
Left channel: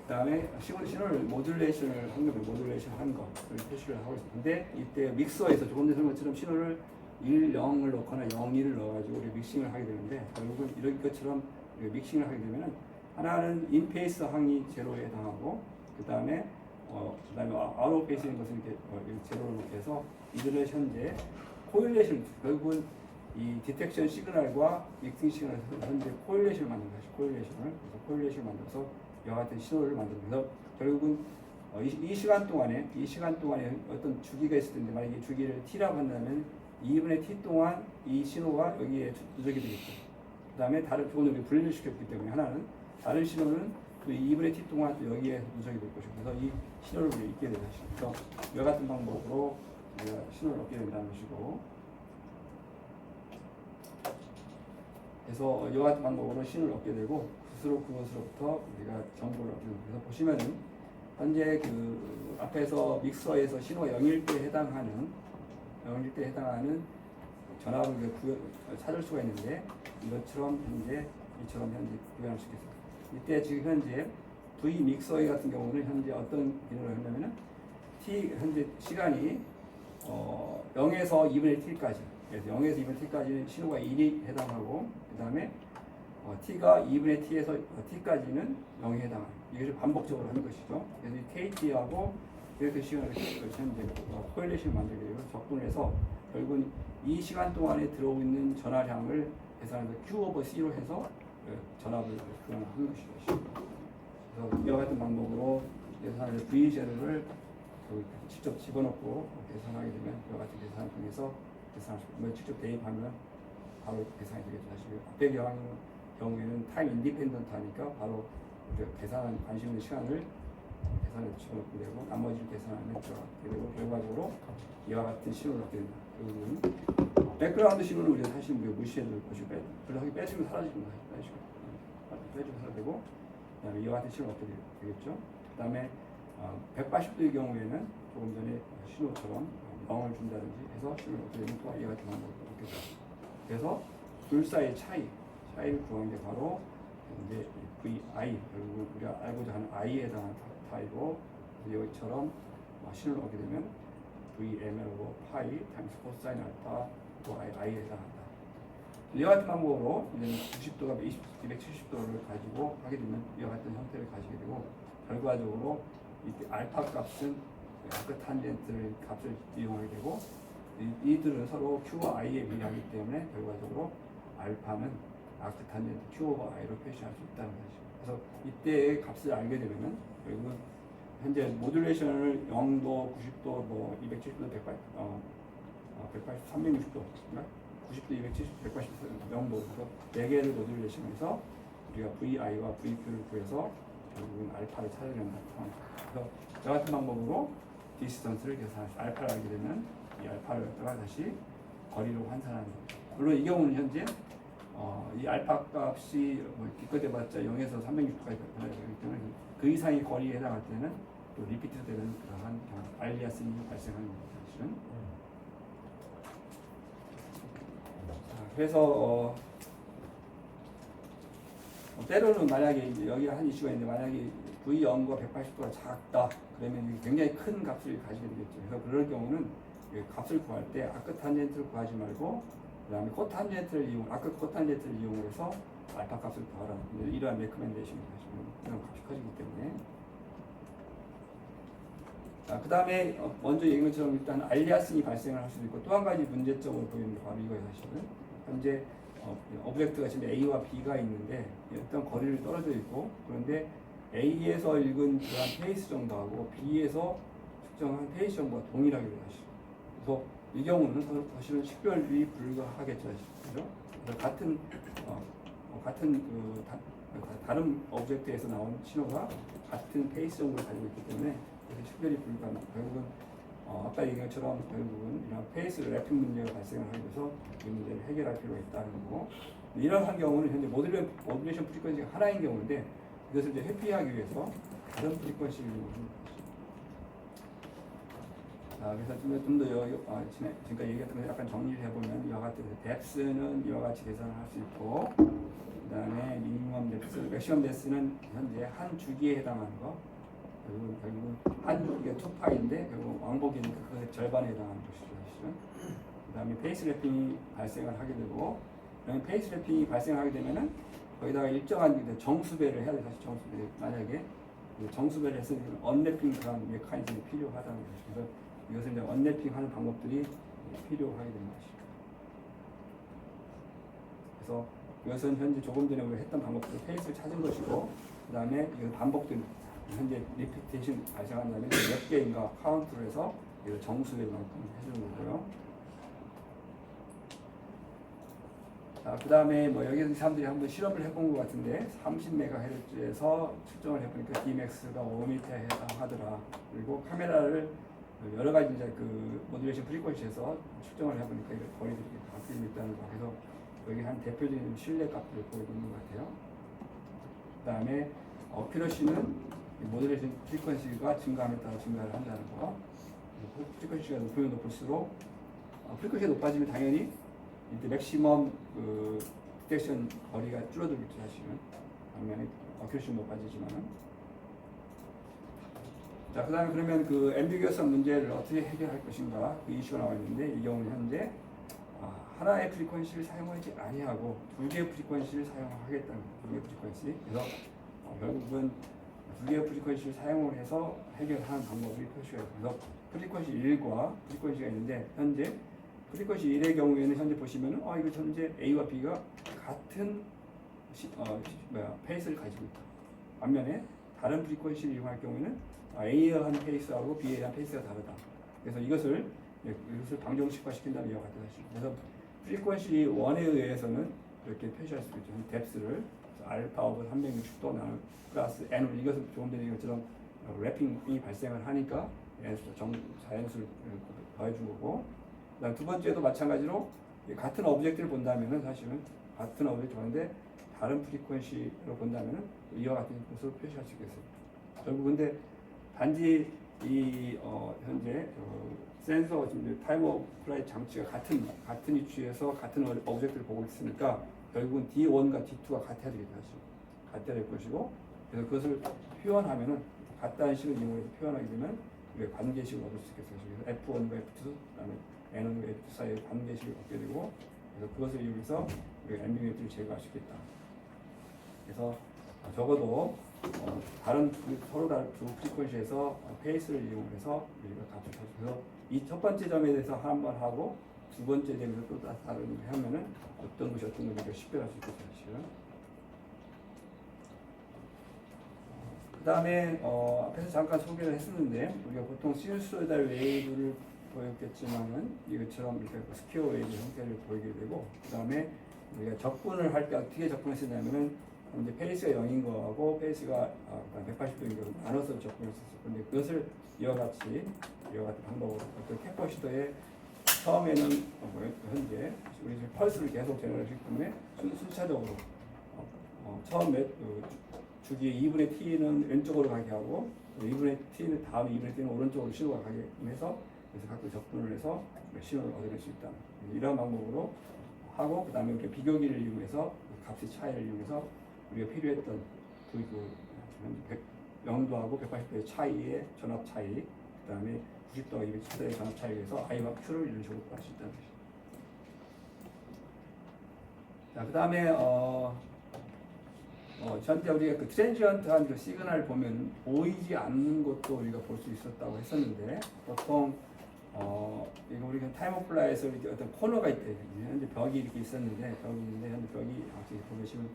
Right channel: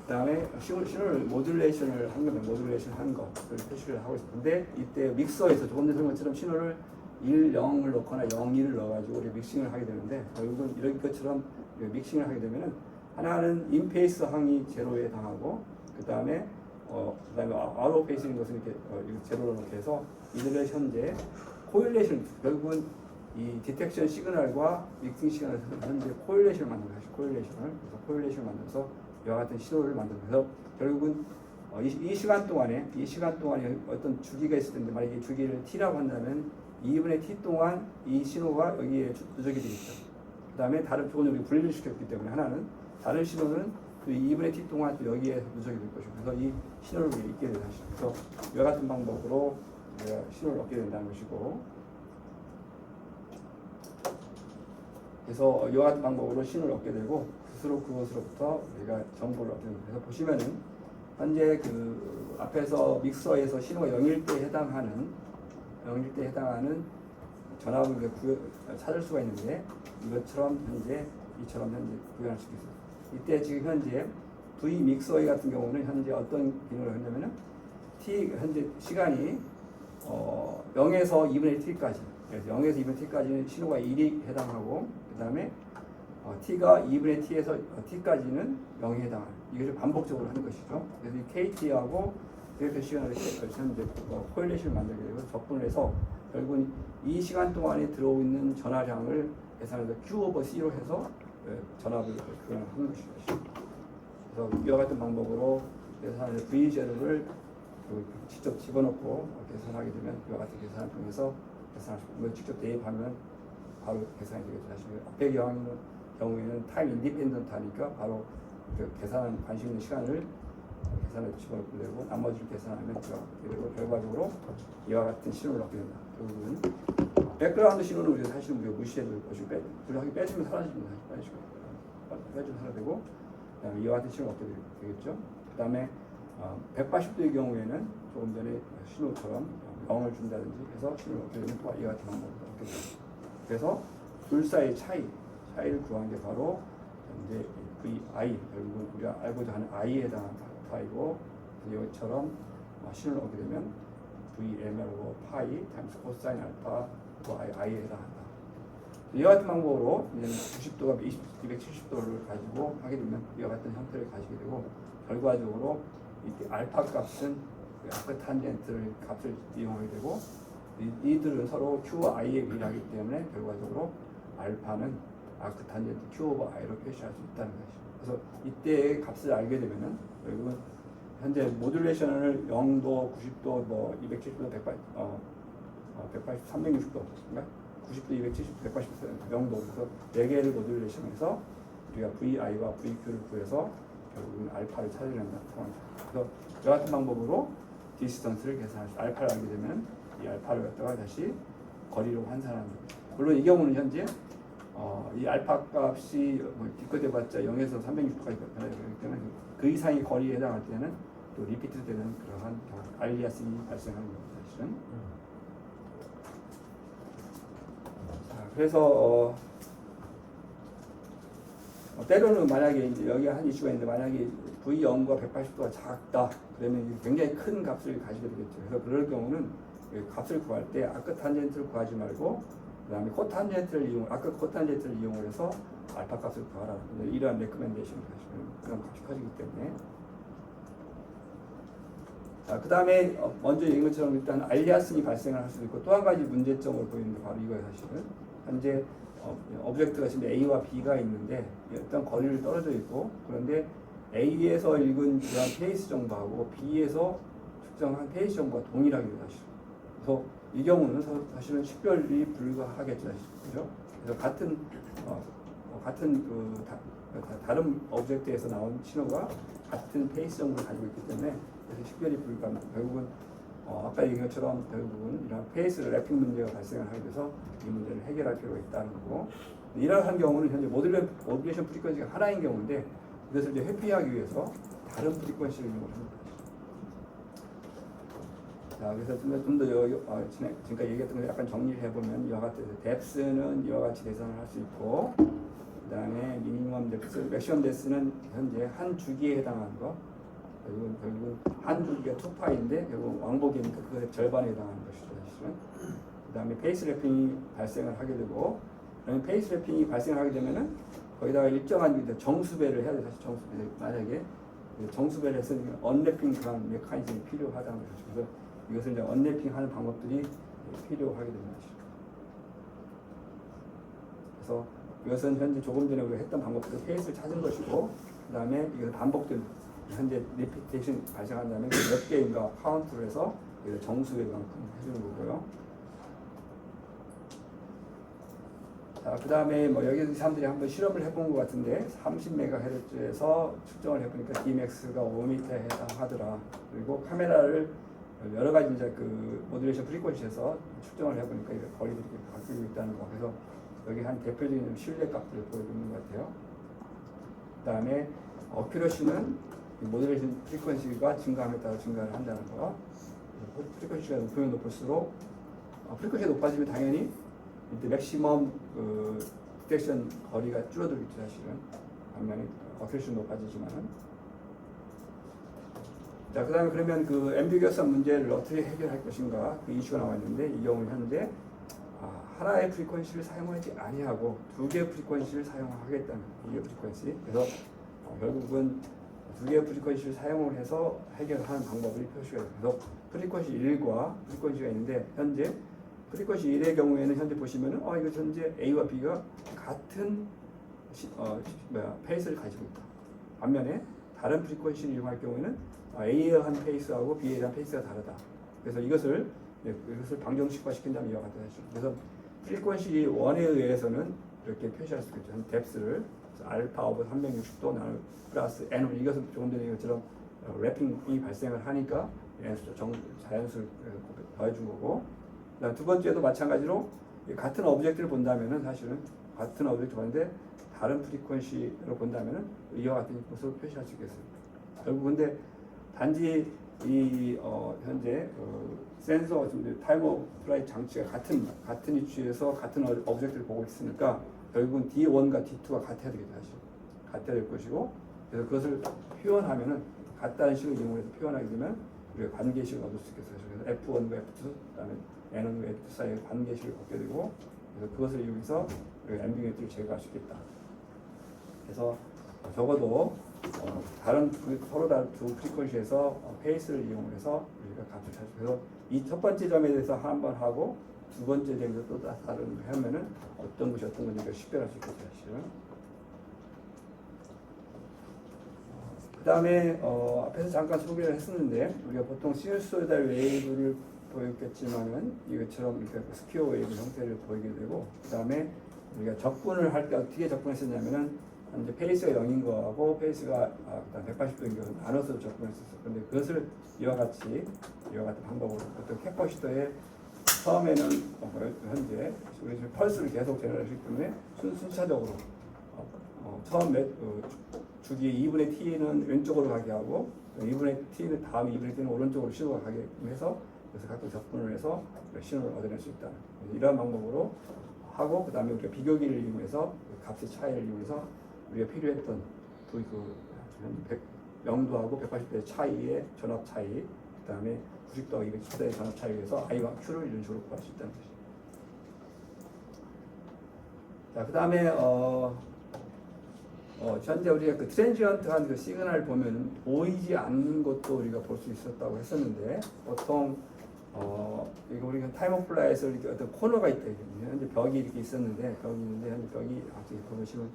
그다음에 신호를 모듈레이션을 한 거면 모듈레이션 한 거를 표시를 하고 있는데, 이때 믹서에서 조금 전에 설명한 것처럼 신호를 1, 0을 넣거나 0, 1을 넣어가지고 우리 믹싱을 하게 되는데, 결국은 이런 것처럼 믹싱을 하게 되면은 하나는 인페이스 항이 제로에 해당하고, 그다음에 아웃 오브 페이스인 것은 이렇게 제로로 이렇게 해서 이들을 현재 코일레이션, 결국은 이 디텍션 시그널과 믹싱 시그널을 현재 코일레이션을 만든 것이 코일레이션을 만들어서 이와 같은 신호를 만듭니다. 그래서 결국은 이 시간 동안에 어떤 주기가 있을 텐데, 만약에 주기를 t라고 한다면 2분의 t 동안 이 신호가 여기에 누적이 되겠죠. 그 다음에 다른 조건을 분리시켰기 때문에 하나는 다른 신호는 또 2분의 t 동안 또 여기에 누적이 될 것이고 그래서 이 신호를 읽게 되는 것이죠. 그래서 이와 같은 방법으로 우리가 신호를 얻게 된다는 것이고 그래서 이와 같은 방법으로 신호를 얻게 되고 스스로 그것으로부터 우리가 정보를 얻게 됩니다. 그래서 보시면은 현재 그 앞에서 믹서에서 신호가 0일 때 해당하는 전압을 찾을 수가 있는데 이처럼 현재 구현할 수 있습니다. 이때 지금 현재 V 믹서기 같은 경우는 현재 어떤 기능을 하냐면은 t 현재 시간이 0에서 2분의 t까지 그래서 0에서 2분의 t까지는 신호가 1이 해당하고 그 다음에 t가 2분의 t에서 t까지는 0이 해당하는 이것을 반복적으로 하는 것이죠. 그래서 이 kt하고 이렇게 시간을 현재 코릴레이션을 만들게 되고 접근을 해서 결국은 이 시간 동안에 들어오는 전화량을 계산해서 Q 오버 C로 해서 전압을 하는 것이죠. 그래서 이와 같은 방법으로 계산해서 V제로를 직접 집어넣고 계산하게 되면 이와 같은 계산을 통해서 계산할 수 있고 직접 대입하면 바로 계산이 되겠죠. 사실 앞에 경우에는 타임 인디펜던트 하니까 바로 계산 관심 있는 시간을 계산해서 집어넣고 되고 나머지를 계산하면 되고 결과적으로 이와 같은 신호를 얻게 된다. 결국은 백그라운드 신호는 우리가 사실 무시해도 될 것이고 빼주면 사라집니다. 빼주면 사라지고 그다음에 이와 같은 신호를 얻게 되겠죠. 그다음에 180도의 경우에는 조금 전에 신호처럼 0을 준다든지 해서 신호를 얻게 되면 또 이와 같은 방법을 얻게 됩니다. 그래서 둘 사이의 차이를 구하는 게 바로 이제 VI 결국 우리가 알고자 하는 I에 해당하는 파이고 여기처럼 신호를 얻게 되면 VML로 파이 타임스 코사인 알파 I에 해당한다. 이와 같은 방법으로 이제 90도가 270도를 가지고 하게 되면 이와 같은 형태를 가지게 되고 결과적으로 이 알파 값은 아크 탄젠트 값을 이용하게 되고 이들은 서로 Q와 I에 비례하기 때문에 결과적으로 알파는 아크 탄젠트 Q 오버 I로 표시할 수 있다는 것이죠. 그래서 이때의 값을 알게 되면은 결국은 현재 모듈레이션을 0도, 90도, 뭐 270도, 180, 360도, 90도, 270, 180도, 0도 그래서 4개를 모듈레이션해서 우리가 VI와 VQ를 구해서 결국은 알파를 찾아낸다는 상황입니다. 그래서 이와 같은 방법으로 디스턴스를 계산할 수 알파를 알게 되면 이 알파를 갖다가 다시 거리로 환산하는 거죠. 물론 이 경우는 현재 이 알파 값이 기껏해봤자 0에서 360까지 변하기 때문에 그 이상의 거리에 해당할 때는 또 리피트 되는 그러한 알리아스이 발생하는 겁니다. 사실은. 그래서 때로는 만약에 이제 여기 한 이슈가 있는데 만약에 V0과 180도가 작다 그러면 굉장히 큰 값을 가지게 되겠죠. 그래서 그럴 경우는 값을 구할 때 아크 탄젠트를 구하지 말고 그다음에 코탄젠트를 아크 코탄젠트를 이용해서 알파 값을 구하라. 이러한 레커멘데이션을 하시면 그런 값이 커지기 때문에. 자, 그 다음에 먼저 얘기한 것처럼 일단 알리아스이 발생을 할 수도 있고 또 한 가지 문제점을 보이는 게 바로 이거예요. 사실은 현재 오브젝트가 지금 A와 B가 있는데 어떤 거리를 떨어져 있고 그런데 A에서 읽은 그런 페이스 정도하고 B에서 측정한 페이스 정도가 동일하게 돼요. 그래서 이 경우는 사실은 식별이 불가하겠죠. 그렇죠? 그래서 다른 오브젝트에서 나온 신호가 같은 페이스 정도를 가지고 있기 때문에 식별이 불가합니다. 결국은 아까 얘기한 것처럼 결국은 이런 페이스 랩핑 문제가 발생을 하게 돼서 이 문제를 해결할 필요가 있다는 거고 이러한 경우는 현재 모듈레이션 프리퀀시가 하나인 경우인데 이것을 이제 회피하기 위해서 다른 프리퀀시를 이용하는 거죠. 자, 그래서 좀 더 지금까지 얘기했던 걸 약간 정리를 해보면 이와 같은 뎁스는 이와 같이 계산을 할 수 있고 그 다음에 미니멈 뎁스, 맥시멈 뎁스는 현재 한 주기에 해당하는 거 결국은 한 주기가 2파인데 결국 왕복이니까 그것의 절반에 해당하는 것이죠. 그 다음에 페이스 랩핑이 발생을 하게 되고 페이스 랩핑이 발생하게 되면은 거기다가 일정한 정수배를 해야 돼요. 정수배 만약에 정수배를 해서 언랩핑 그런 메커니즘이 필요하다는 거죠. 그래서 이것을 이제 언랩핑하는 방법들이 필요하게 되는 것이죠. 그래서 이것은 현재 조금 전에 우리가 했던 방법들 페이스를 찾은 것이고 그 다음에 이걸 반복된 현재 리피테이션 발생한다면 몇 개인가 카운트를 해서 정수의 만큼 해주는 거고요. 자, 그 다음에 뭐 여기 사람들이 한번 실험을 해본 것 같은데 30MHz에서 측정을 해보니까 Dmax가 5m에 해당하더라. 그리고 카메라를 여러 가지 이제 그 모듈레이션 프리퀀시에서 측정을 해보니까 이제 거리가 이렇게 바뀌고 있다는 거. 그래서 여기 한 대표적인 신뢰 값들을 보이고 있는 것 같아요. 그 다음에 어큐러시는 모듈레이션 프리퀀시가 증가함에 따라 증가를 한다는 거. 프리퀀시가 높으면 높을수록 프리퀀시가 높아지면 당연히 이제 맥시멈 그 디텍션 거리가 줄어들겠죠 사실은. 반면에 어큐러시는 높아지지만은. 자, 그다음에 그러면 그 앰비거스한 문제를 어떻게 해결할 것인가 그 이슈가 나와 있는데 이 경우는 현재 하나의 프리퀀시를 사용하지 아니하고 두 개의 프리퀀시를 사용하겠다는 두 개의 프리퀀시. 그래서 결국은 두 개의 프리퀀시를 사용을 해서 해결하는 방법이 표시가 있어서 프리퀀시 1과 프리퀀시가 있는데 현재 프리퀀시 1의 경우에는 현재 보시면은 이거 현재 A와 B가 같은 페이스를 가지고 있다. 반면에 다른 프리퀀시를 이용할 경우에는 A에 대한 페이스하고 B에 대한 페이스가 다르다. 그래서 이것을 방정식화 시킨다는 이와 같은 것이죠. 그래서 프리퀀시 1에 의해서는 이렇게 표시할 수 있죠. 뎁스를 알파 오브 360도 나눌 플러스 n. 이것은 조금 전에 것처럼 래핑이 발생을 하니까 자연수를 더해준 거고. 그다음 두 번째도 마찬가지로 같은 오브젝트를 본다면은 사실은 같은 오브젝트 보는데 다른 프리퀀시로 본다면은 이와 같은 것으로 표시할 수 있겠습니다. 결국 근데 단지 이 현재 센서 타임 오브 플라이트 장치가 같은 위치에서 같은 오브젝트를 보고 있으니까 결국은 D1과 D2가 같아야 되겠죠. 사실 같아야 될 것이고, 그래서 그것을 표현하면은 같다는 식을 이용해서 표현하게 되면 우리가 관계식을 얻을 수 있겠어요. 그래서 F1과 F2, 그다음에 N1과 F2 사이의 관계식을 얻게 되고, 그래서 그것을 이용해서 앰비규니티를 제거할 수 있겠다. 그래서 적어도 다른 서로 다른 두 프리퀀시에서 페이스를 이용해서 우리가 값을 찾을 수 있어서 이 첫 번째 점에 대해서 한 번 하고 두 번째 점에서 또 다른 하면은 어떤 것이 어떤 건지가 식별할 수 있겠죠. 사실은. 그 다음에 앞에서 잠깐 소개를 했었는데 우리가 보통 시누소이달 웨이브를 보였겠지만은 이것처럼 이렇게 스퀘어 웨이브 형태를 보이게 되고, 그 다음에 우리가 접근을 할 때 어떻게 접근했었냐면은 이제 페이스가 0인 거하고 페이스가 180도인 거를 나눠서 접근했었어요. 그런데 그것을 이와 같은 방법으로 어떤 캐퍼 시도에 처음에는 현재 우리 지금 펄스를 계속 제너레이션 때문에 순차적으로 처음 주기 2분의 t는 왼쪽으로 가게 하고 2분의 t는 다음 2분의 t는 오른쪽으로 신호가 가게 해서 그래서 각각 접근을 해서 신호를 얻어낼 수 있다는 이러한 방법으로 하고, 그 다음에 우리가 비교기를 이용해서 값의 차이를 이용해서 우리가 필요했던 그 0도하고 180도의 차이의 전압 차이, 그 다음에 90도하고 210도의 전압 차이에 의해서 I와 Q를 이런 식으로 구할 수 있다는 것이죠. 자, 그 다음에 현재 우리가 그 트랜지언트한 그 시그널을 보면 보이지 않는 것도 우리가 볼 수 있었다고 했었는데, 보통 이거 우리가 타임 오브 플라이에서 이렇게 어떤 코너가 있다. 현재 벽이 이렇게 있었는데 현재 벽이 보시면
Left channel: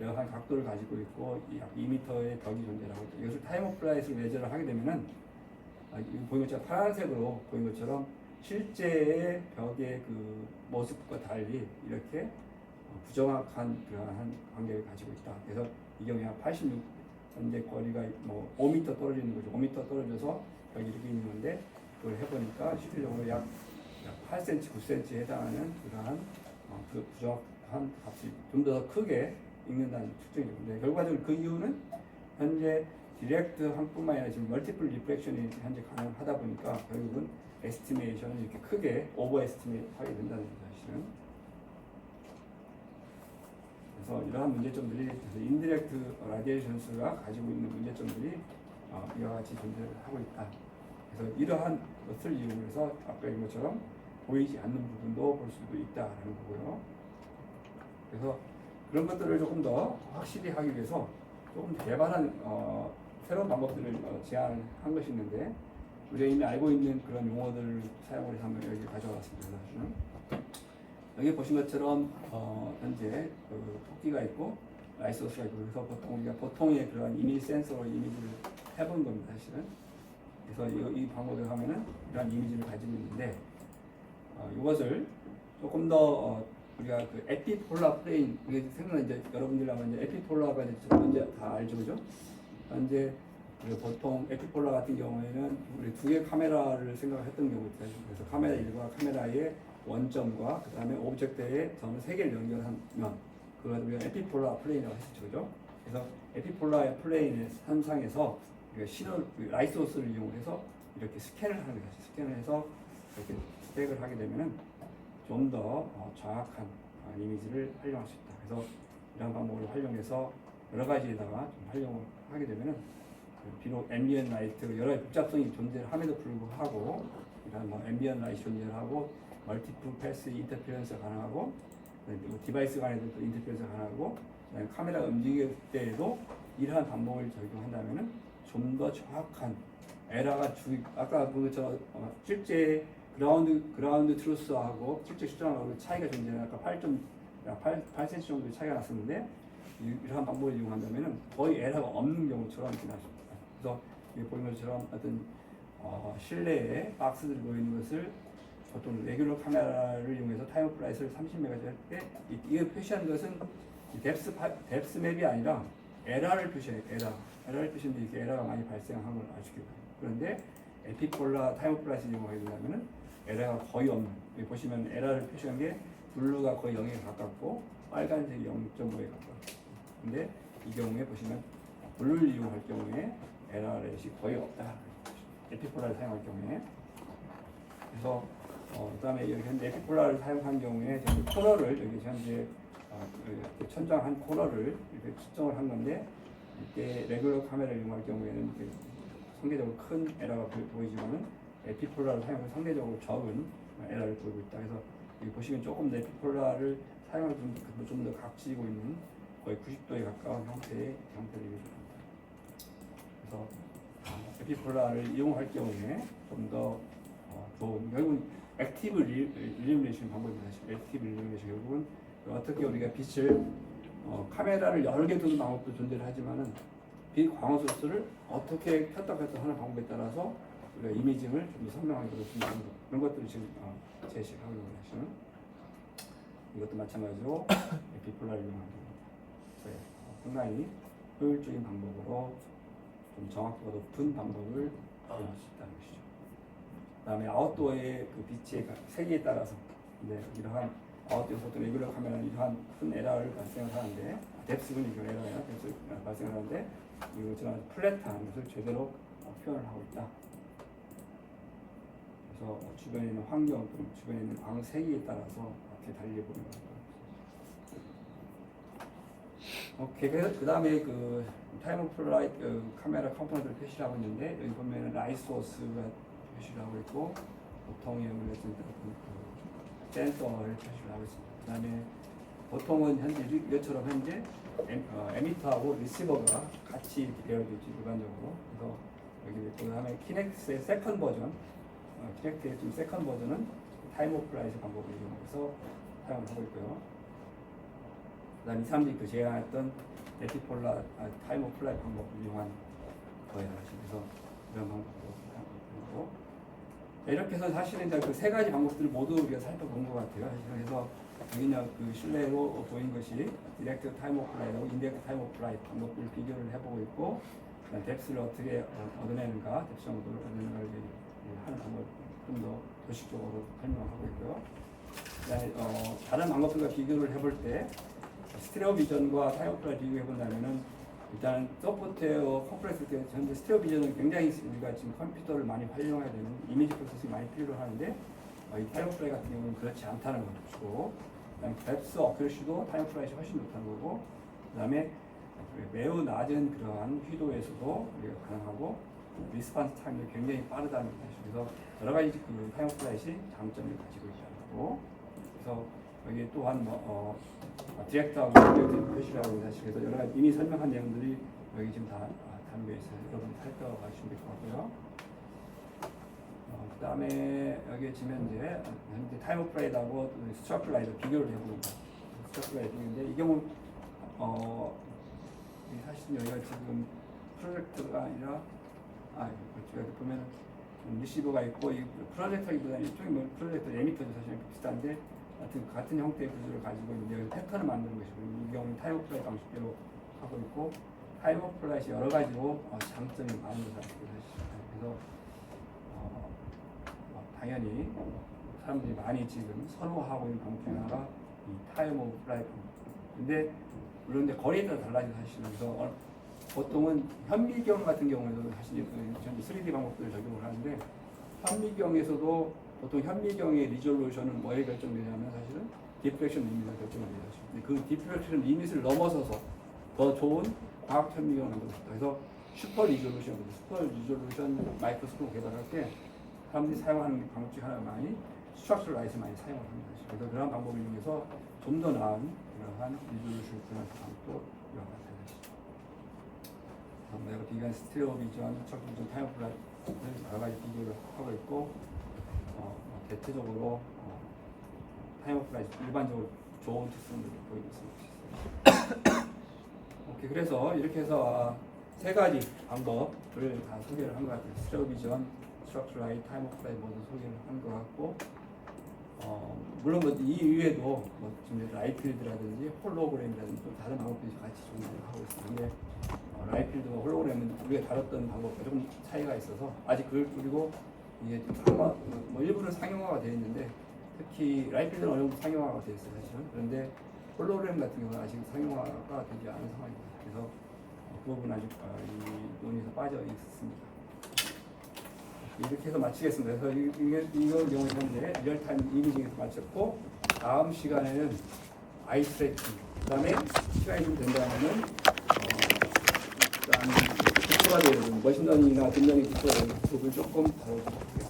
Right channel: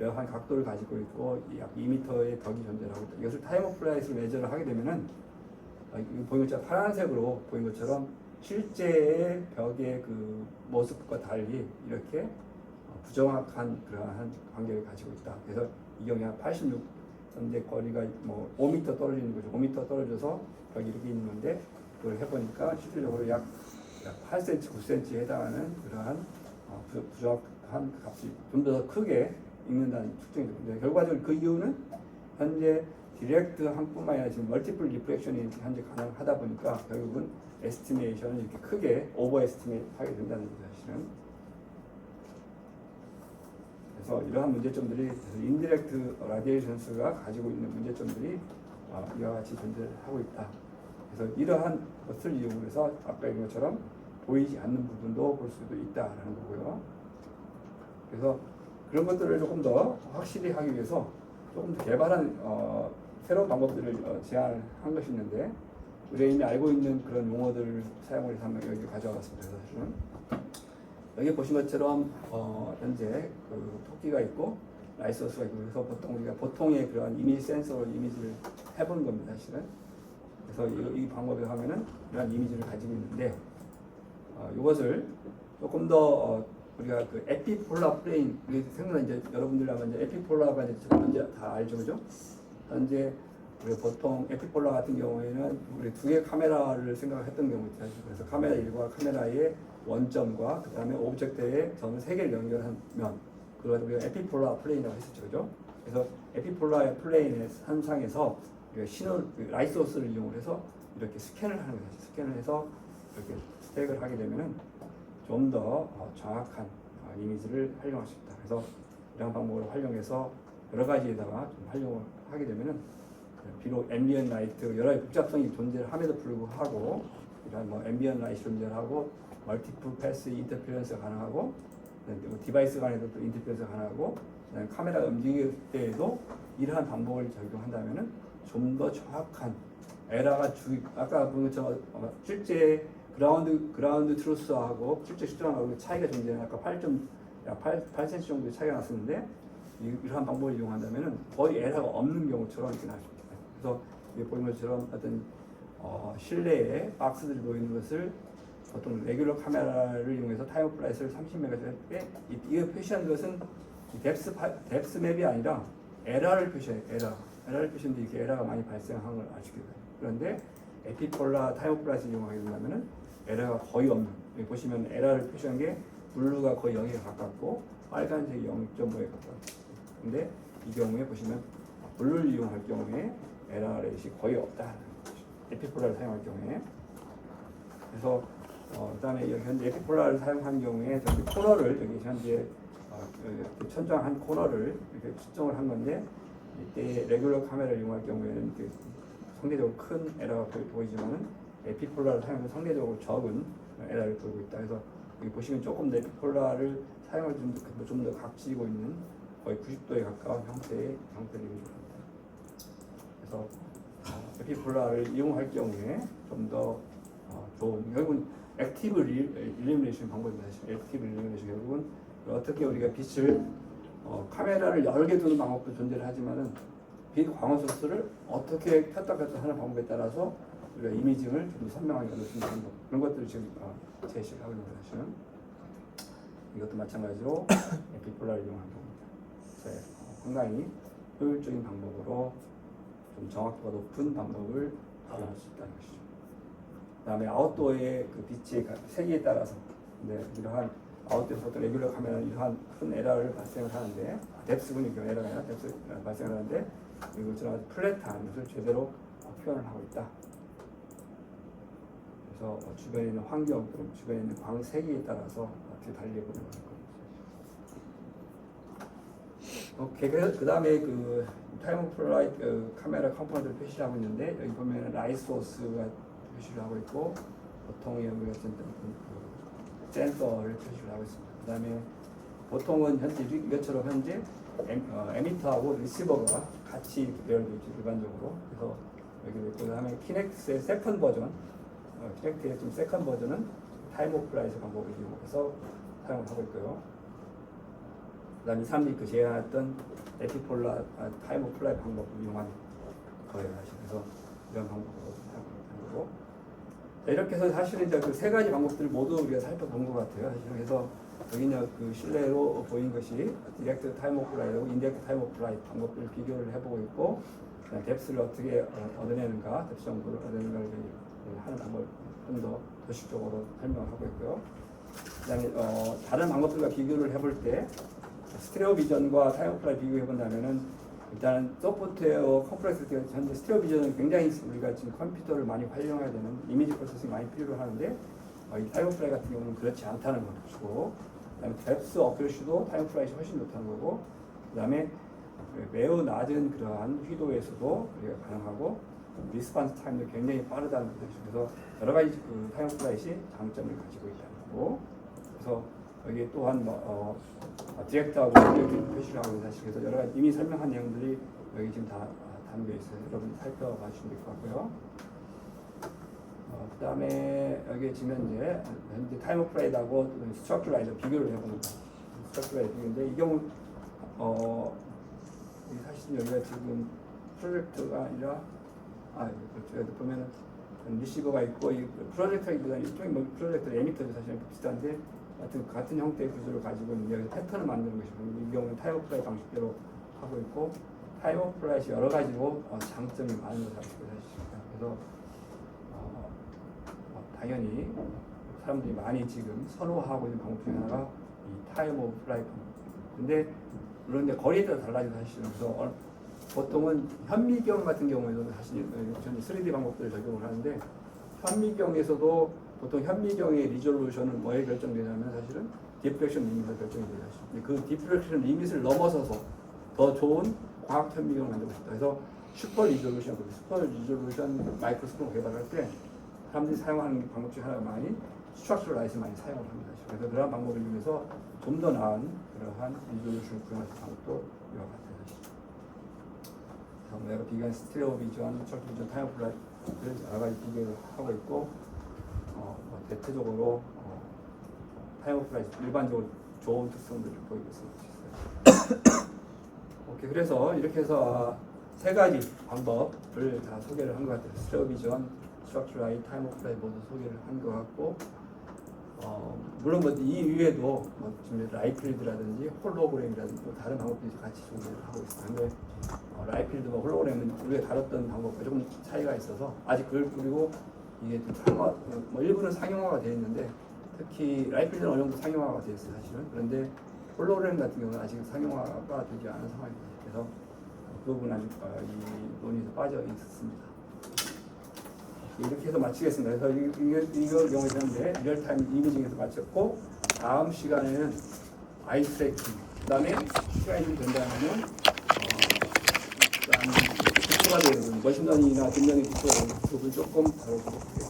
한 각도를 가지고 있고 약 2m의 벽이 존재하고 있다. 이것을 타임 오브 플라이에서 매저를 하게 되면은 이거 보이는 것처럼 파란색으로 보이는 것처럼 실제의 벽의 그 모습과 달리 이렇게 부정확한 그러한 간격을 가지고 있다. 그래서 이 경우에 한 86 현재 거리가 뭐 5m 떨어지는 거죠. 5m 떨어져서 벽이 이렇게 있는 건데 그걸 해보니까 실질적으로 약 8cm, 9cm에 해당하는 그러한 부정확한 값이 좀 더 크게 읽는다는 특징이죠. 근데 결과적으로 그 이유는 현재 디렉트 항뿐만 아니라 지금 멀티플 리프렉션이 현재 가능하다 보니까 결국은 에스티메이션을 이렇게 크게 오버 에스티메이트 하게 된다는 거죠. 사실은. 그래서 이러한 문제점들이 인디렉트 라디에이션스가 가지고 있는 문제점들이 이와 같이 존재하고 있다. 그래서 이러한 것을 이용해서 아까 얘기한 것처럼 보이지 않는 부분도 볼 수도 있다라는 거고요. 그래서 그런 것들을 조금 더 확실히 하기 위해서 조금 더 개발한 새로운 방법들을 제안을 한 것이 있는데 우리가 이미 알고 있는 그런 용어들을 사용을 해서 한번 여기 가져와봤습니다. 사실은. 여기 보신 것처럼 현재 그 토끼가 있고 라이소스가 있고 그래서 보통 우리가 보통의 그런 이미지 센서로 이미지를 해보는 겁니다. 사실은. 그래서 이 방법을 하면은 이런 이미지를 가지고 있는데 이것을 조금 더 우리가 그 에피폴라 플레인 생각나 이제 여러분들 아마 이제 에피폴라가 이제 다 알죠, 그죠? 현재 우리 보통 에피폴라 같은 경우에는 우리 두 개 카메라를 생각했던 경우 있죠. 그래서 카메라 1과 카메라의 원점과 그 다음에 오브젝트의 점 세 개를 연결하면 그걸 우리가 에피폴라 플레인이라고 했었죠, 그죠? 그래서 에피폴라의 플레인의 현상에서 우리가 신호 라이트 소스를 이용해서 이렇게 스캔을 하는 거죠. 스캔을 해서 이렇게 스택을 하게 되면 좀 더 정확한 이미지를 활용할 수 있다. 그래서 이런 방법을 활용해서 여러 가지에다가 좀 활용을 하게 되면은 비록 앰비언 라이트 여러 가지 복잡성이 존재함에도 불구하고 그다음 뭐 앰비언 라이트 존재하고 멀티플 패스 인터페런스가 가능하고 디바이스 간에도 또 인터페런스가 가능하고 카메라 움직일 때에도 이러한 방법을 적용한다면은 좀 더 정확한 에라가 아까 본 것처럼 실제 그라운드 트루스하고 실제 측정하고 차이가 존재하는 아까 8cm 정도의 차이가 났었는데 이러한 방법을 이용한다면은 거의 에러가 없는 경우처럼 이렇게 나십니다. 그래서 여기 보이는 것처럼 어떤 실내에 박스들이 보이는 것을 보통 레귤러 카메라를 이용해서 타임 오브 플라이트를 30메가 할 때 이게 표시한 것은 뎁스 맵이 아니라 에러를 표시해요. 에러를 표시하는데 이렇게 에러가 많이 발생한 걸 아시게 돼요. 그런데 에피폴라 타임 오브 플라이트를 이용하게 된다면은 에러가 거의 없는, 여기 보시면 에러를 표시한 게 블루가 거의 0에 가깝고 빨간색이 0.5에 가깝고 근데 이 경우에 보시면 블루를 이용할 경우에 에러렛이 거의 없다. 에피폴라를 사용할 경우에 그래서 그다음에 여기 현재 에피폴라를 사용한 경우에 저기 코너를 여기 현재 여기 천장한 코너를 이렇게 측정을 한 건데 이때 레귤러 카메라를 이용할 경우에는 상대적으로 큰 에러가 보이지만 에피폴라를 사용하면 상대적으로 적은 에러를 보이고 있다. 그래서 여기 보시면 조금 더 에피폴라를 사용할 좀 더 각지고 있는 거의 90도에 가까운 형태를 보입니다. 그래서 에피폴라를 이용할 경우에 좀 더 좋은 결국은 액티브 일루미네이션 방법입니다. 액티브 일루미네이션 결국은 어떻게 우리가 빛을 카메라를 여러 개 두는 방법도 존재를 하지만은 빛 광원 소스를 어떻게 켰다 켰다 하는 방법에 따라서 우리가 이미징을 좀 더 선명하게 하는 방법 그런 것들을 지금 제시하고 있는 것이는 이것도 마찬가지로 에피폴라를 이용하는 겁니다. 상당히 효율적인 방법으로 좀 정확도가 높은 방법을 이용할 수 있다는 것이죠. 그다음에 아웃도어의 그 빛의 세기에 따라서 이러한 아웃도어 보통 레귤러 카메라는 이러한 큰 에러를 발생을 하는데 뎁스는 이경 에러가 아니라 뎁스 발생을 하는데 이것처럼 플랫한 것을 제대로 표현을 하고 있다. 그래서 주변에 있는 환경 또는 주변에 있는 광세기에 따라서 어떻게 달리해보는 거고 그 다음에 그 타임 오브 플라이트 카메라 컴포넌트를 표시를 하고 있는데 여기 보면 라이트 소스가 표시를 하고 있고 보통 여기가 센서를 표시를 하고 있습니다. 그 다음에 보통은 현재 이것처럼 현재 에미터하고 리시버가 같이 이렇게 배열되어 있죠 일반적으로. 그래서 여기 그 다음에 키넥스의 세컨 버전, 키넥트의 좀 세컨 버전은 타임 오브 플라이트 방법을 이용해서 사용을 하고 있고요. 그 다음에 사람들이 그 제안했던 에피폴라 타임 오브 플라이트 방법을 이용한 거예요. 그래서 이런 방법으로 사용하는 거고. 이렇게 해서 사실은 이제 그 세 가지 방법들을 모두 우리가 살펴본 것 같아요. 그래서 여기는 그 실내로 보인 것이 디렉트 타임 오브 플라이트하고 인덱트 타임 오브 플라이트 방법을 비교를 해보고 있고, 뎁스를 어떻게 얻어내는가, 뎁스 정도를 얻어내는가를 하는 방법 좀 더 도식적으로 설명하고 있고요. 그다음에 다른 방법들과 비교를 해볼 때 스테레오 비전과 타임 오브 플라이트 비교해 본다면은 일단 소프트웨어 컴프레스 현재 스테레오 비전은 굉장히 우리가 지금 컴퓨터를 많이 활용해야 되는 이미지 프로세싱이 많이 필요하는데 이 타임 오브 플라이트 같은 경우는 그렇지 않다는 것이고, 그다음에 뎁스 어큐러시도 타임 오브 플라이트이 훨씬 높다는 거고, 그다음에 매우 낮은 그러한 휘도에서도 우리가 가능하고 리스폰스 타임도 굉장히 빠르다는 것이죠. 그래서 여러 가지 그 타임 오브 플라이트이 장점을 가지고 있다는 거고, 그래서 여기 또한 디렉트하고 표시를 하고 사실 그래서 여러 가지 이미 설명한 내용들이 여기 지금 다 담겨 있어요. 여러분 살펴봐 주시면 될 것 같고요. 그 다음에 여기 지금 현재 타임 오브 플라이트하고 스트럭처라이저 비교를 해봅니다. 스트럭처라이저 비교인데 이 경우 사실 여기가 지금 프로젝트가 아니라 그렇죠. 여기 보면은 리시버가 있고 이 프로젝터기보다는 일종의 프로젝터 에미터도 사실 비슷한데 같은 형태의 구조를 가지고 이제 패턴을 만드는 것이고 이 경우는 타임 오브 플라이트 방식대로 하고 있고 타임 오브 플라이트 여러 가지로 장점이 많은 것을 알고 있습니다. 그래서 당연히 사람들이 많이 지금 선호하고 있는 방법 중에 하나가 이 타임 오브 플라이트 방법. 근데 물론 이제 거리에 따라 달라지고 사실은 그래서 보통은 현미경 같은 경우에도 사실 저는 3D 방법들을 적용을 하는데 현미경에서도 보통 현미경의 리졸루션은 뭐에 결정되냐면 사실은 디프렉션 리밋에 결정이 돼요. 그 디프렉션 리밋을 넘어서서 더 좋은 광학 현미경을 만들고 싶다. 그래서 슈퍼 리졸루션 마이크로스코프 개발할 때 사람들이 사용하는 방법 중에 하나가 많이 스트럭처럴 라이트를 많이 사용을 합니다. 그래서 그러한 방법을 이용해서 좀 더 나은 그러한 리졸루션을 구현하는 방법도 이와 마찬가지입니다. 내가 비교한 스테레오 비전, 척 비전, 타임 플라이트 여러 가지 비교를 하고 있고 대체적으로 타임 오브 플라이트 일반적으로 좋은 특성들을 보이고 있습니다. 오케이, 그래서 이렇게 해서 세 가지 방법을 다 소개를 한 것 같아요. 스테레오 비전, 스트럭처럴 라이트, 타임 오브 플라이트 모두 소개를 한 것 같고 물론 이 이외에도 지금 라이필드라든지 홀로그램이라든지 또 다른 방법들이 같이 존재를 하고 있습니다. 근데 라이필드와 홀로그램은 우리가 다뤘던 방법과 조금 차이가 있어서 아직 그리고 이게 일부는 상용화가 되어 있는데 특히 라이필드는 어느 정도 상용화가 되어 있어요 사실은. 그런데 홀로그램 같은 경우는 아직 상용화가 되지 않은 상황입니다. 그래서 그 부분은 아직 이 논의에서 빠져 있습니다. 이렇게 해서 마치겠습니다. 그래서 이걸 영어했는데 리얼타임 이미징에서 마쳤고 다음 시간에는 아이 트래킹 그다음에 시간이 좀 된다면 그다음에 국토가 되는 머신러닝이나 딥러닝 국토를 조금 다뤄보도록 하겠습니다.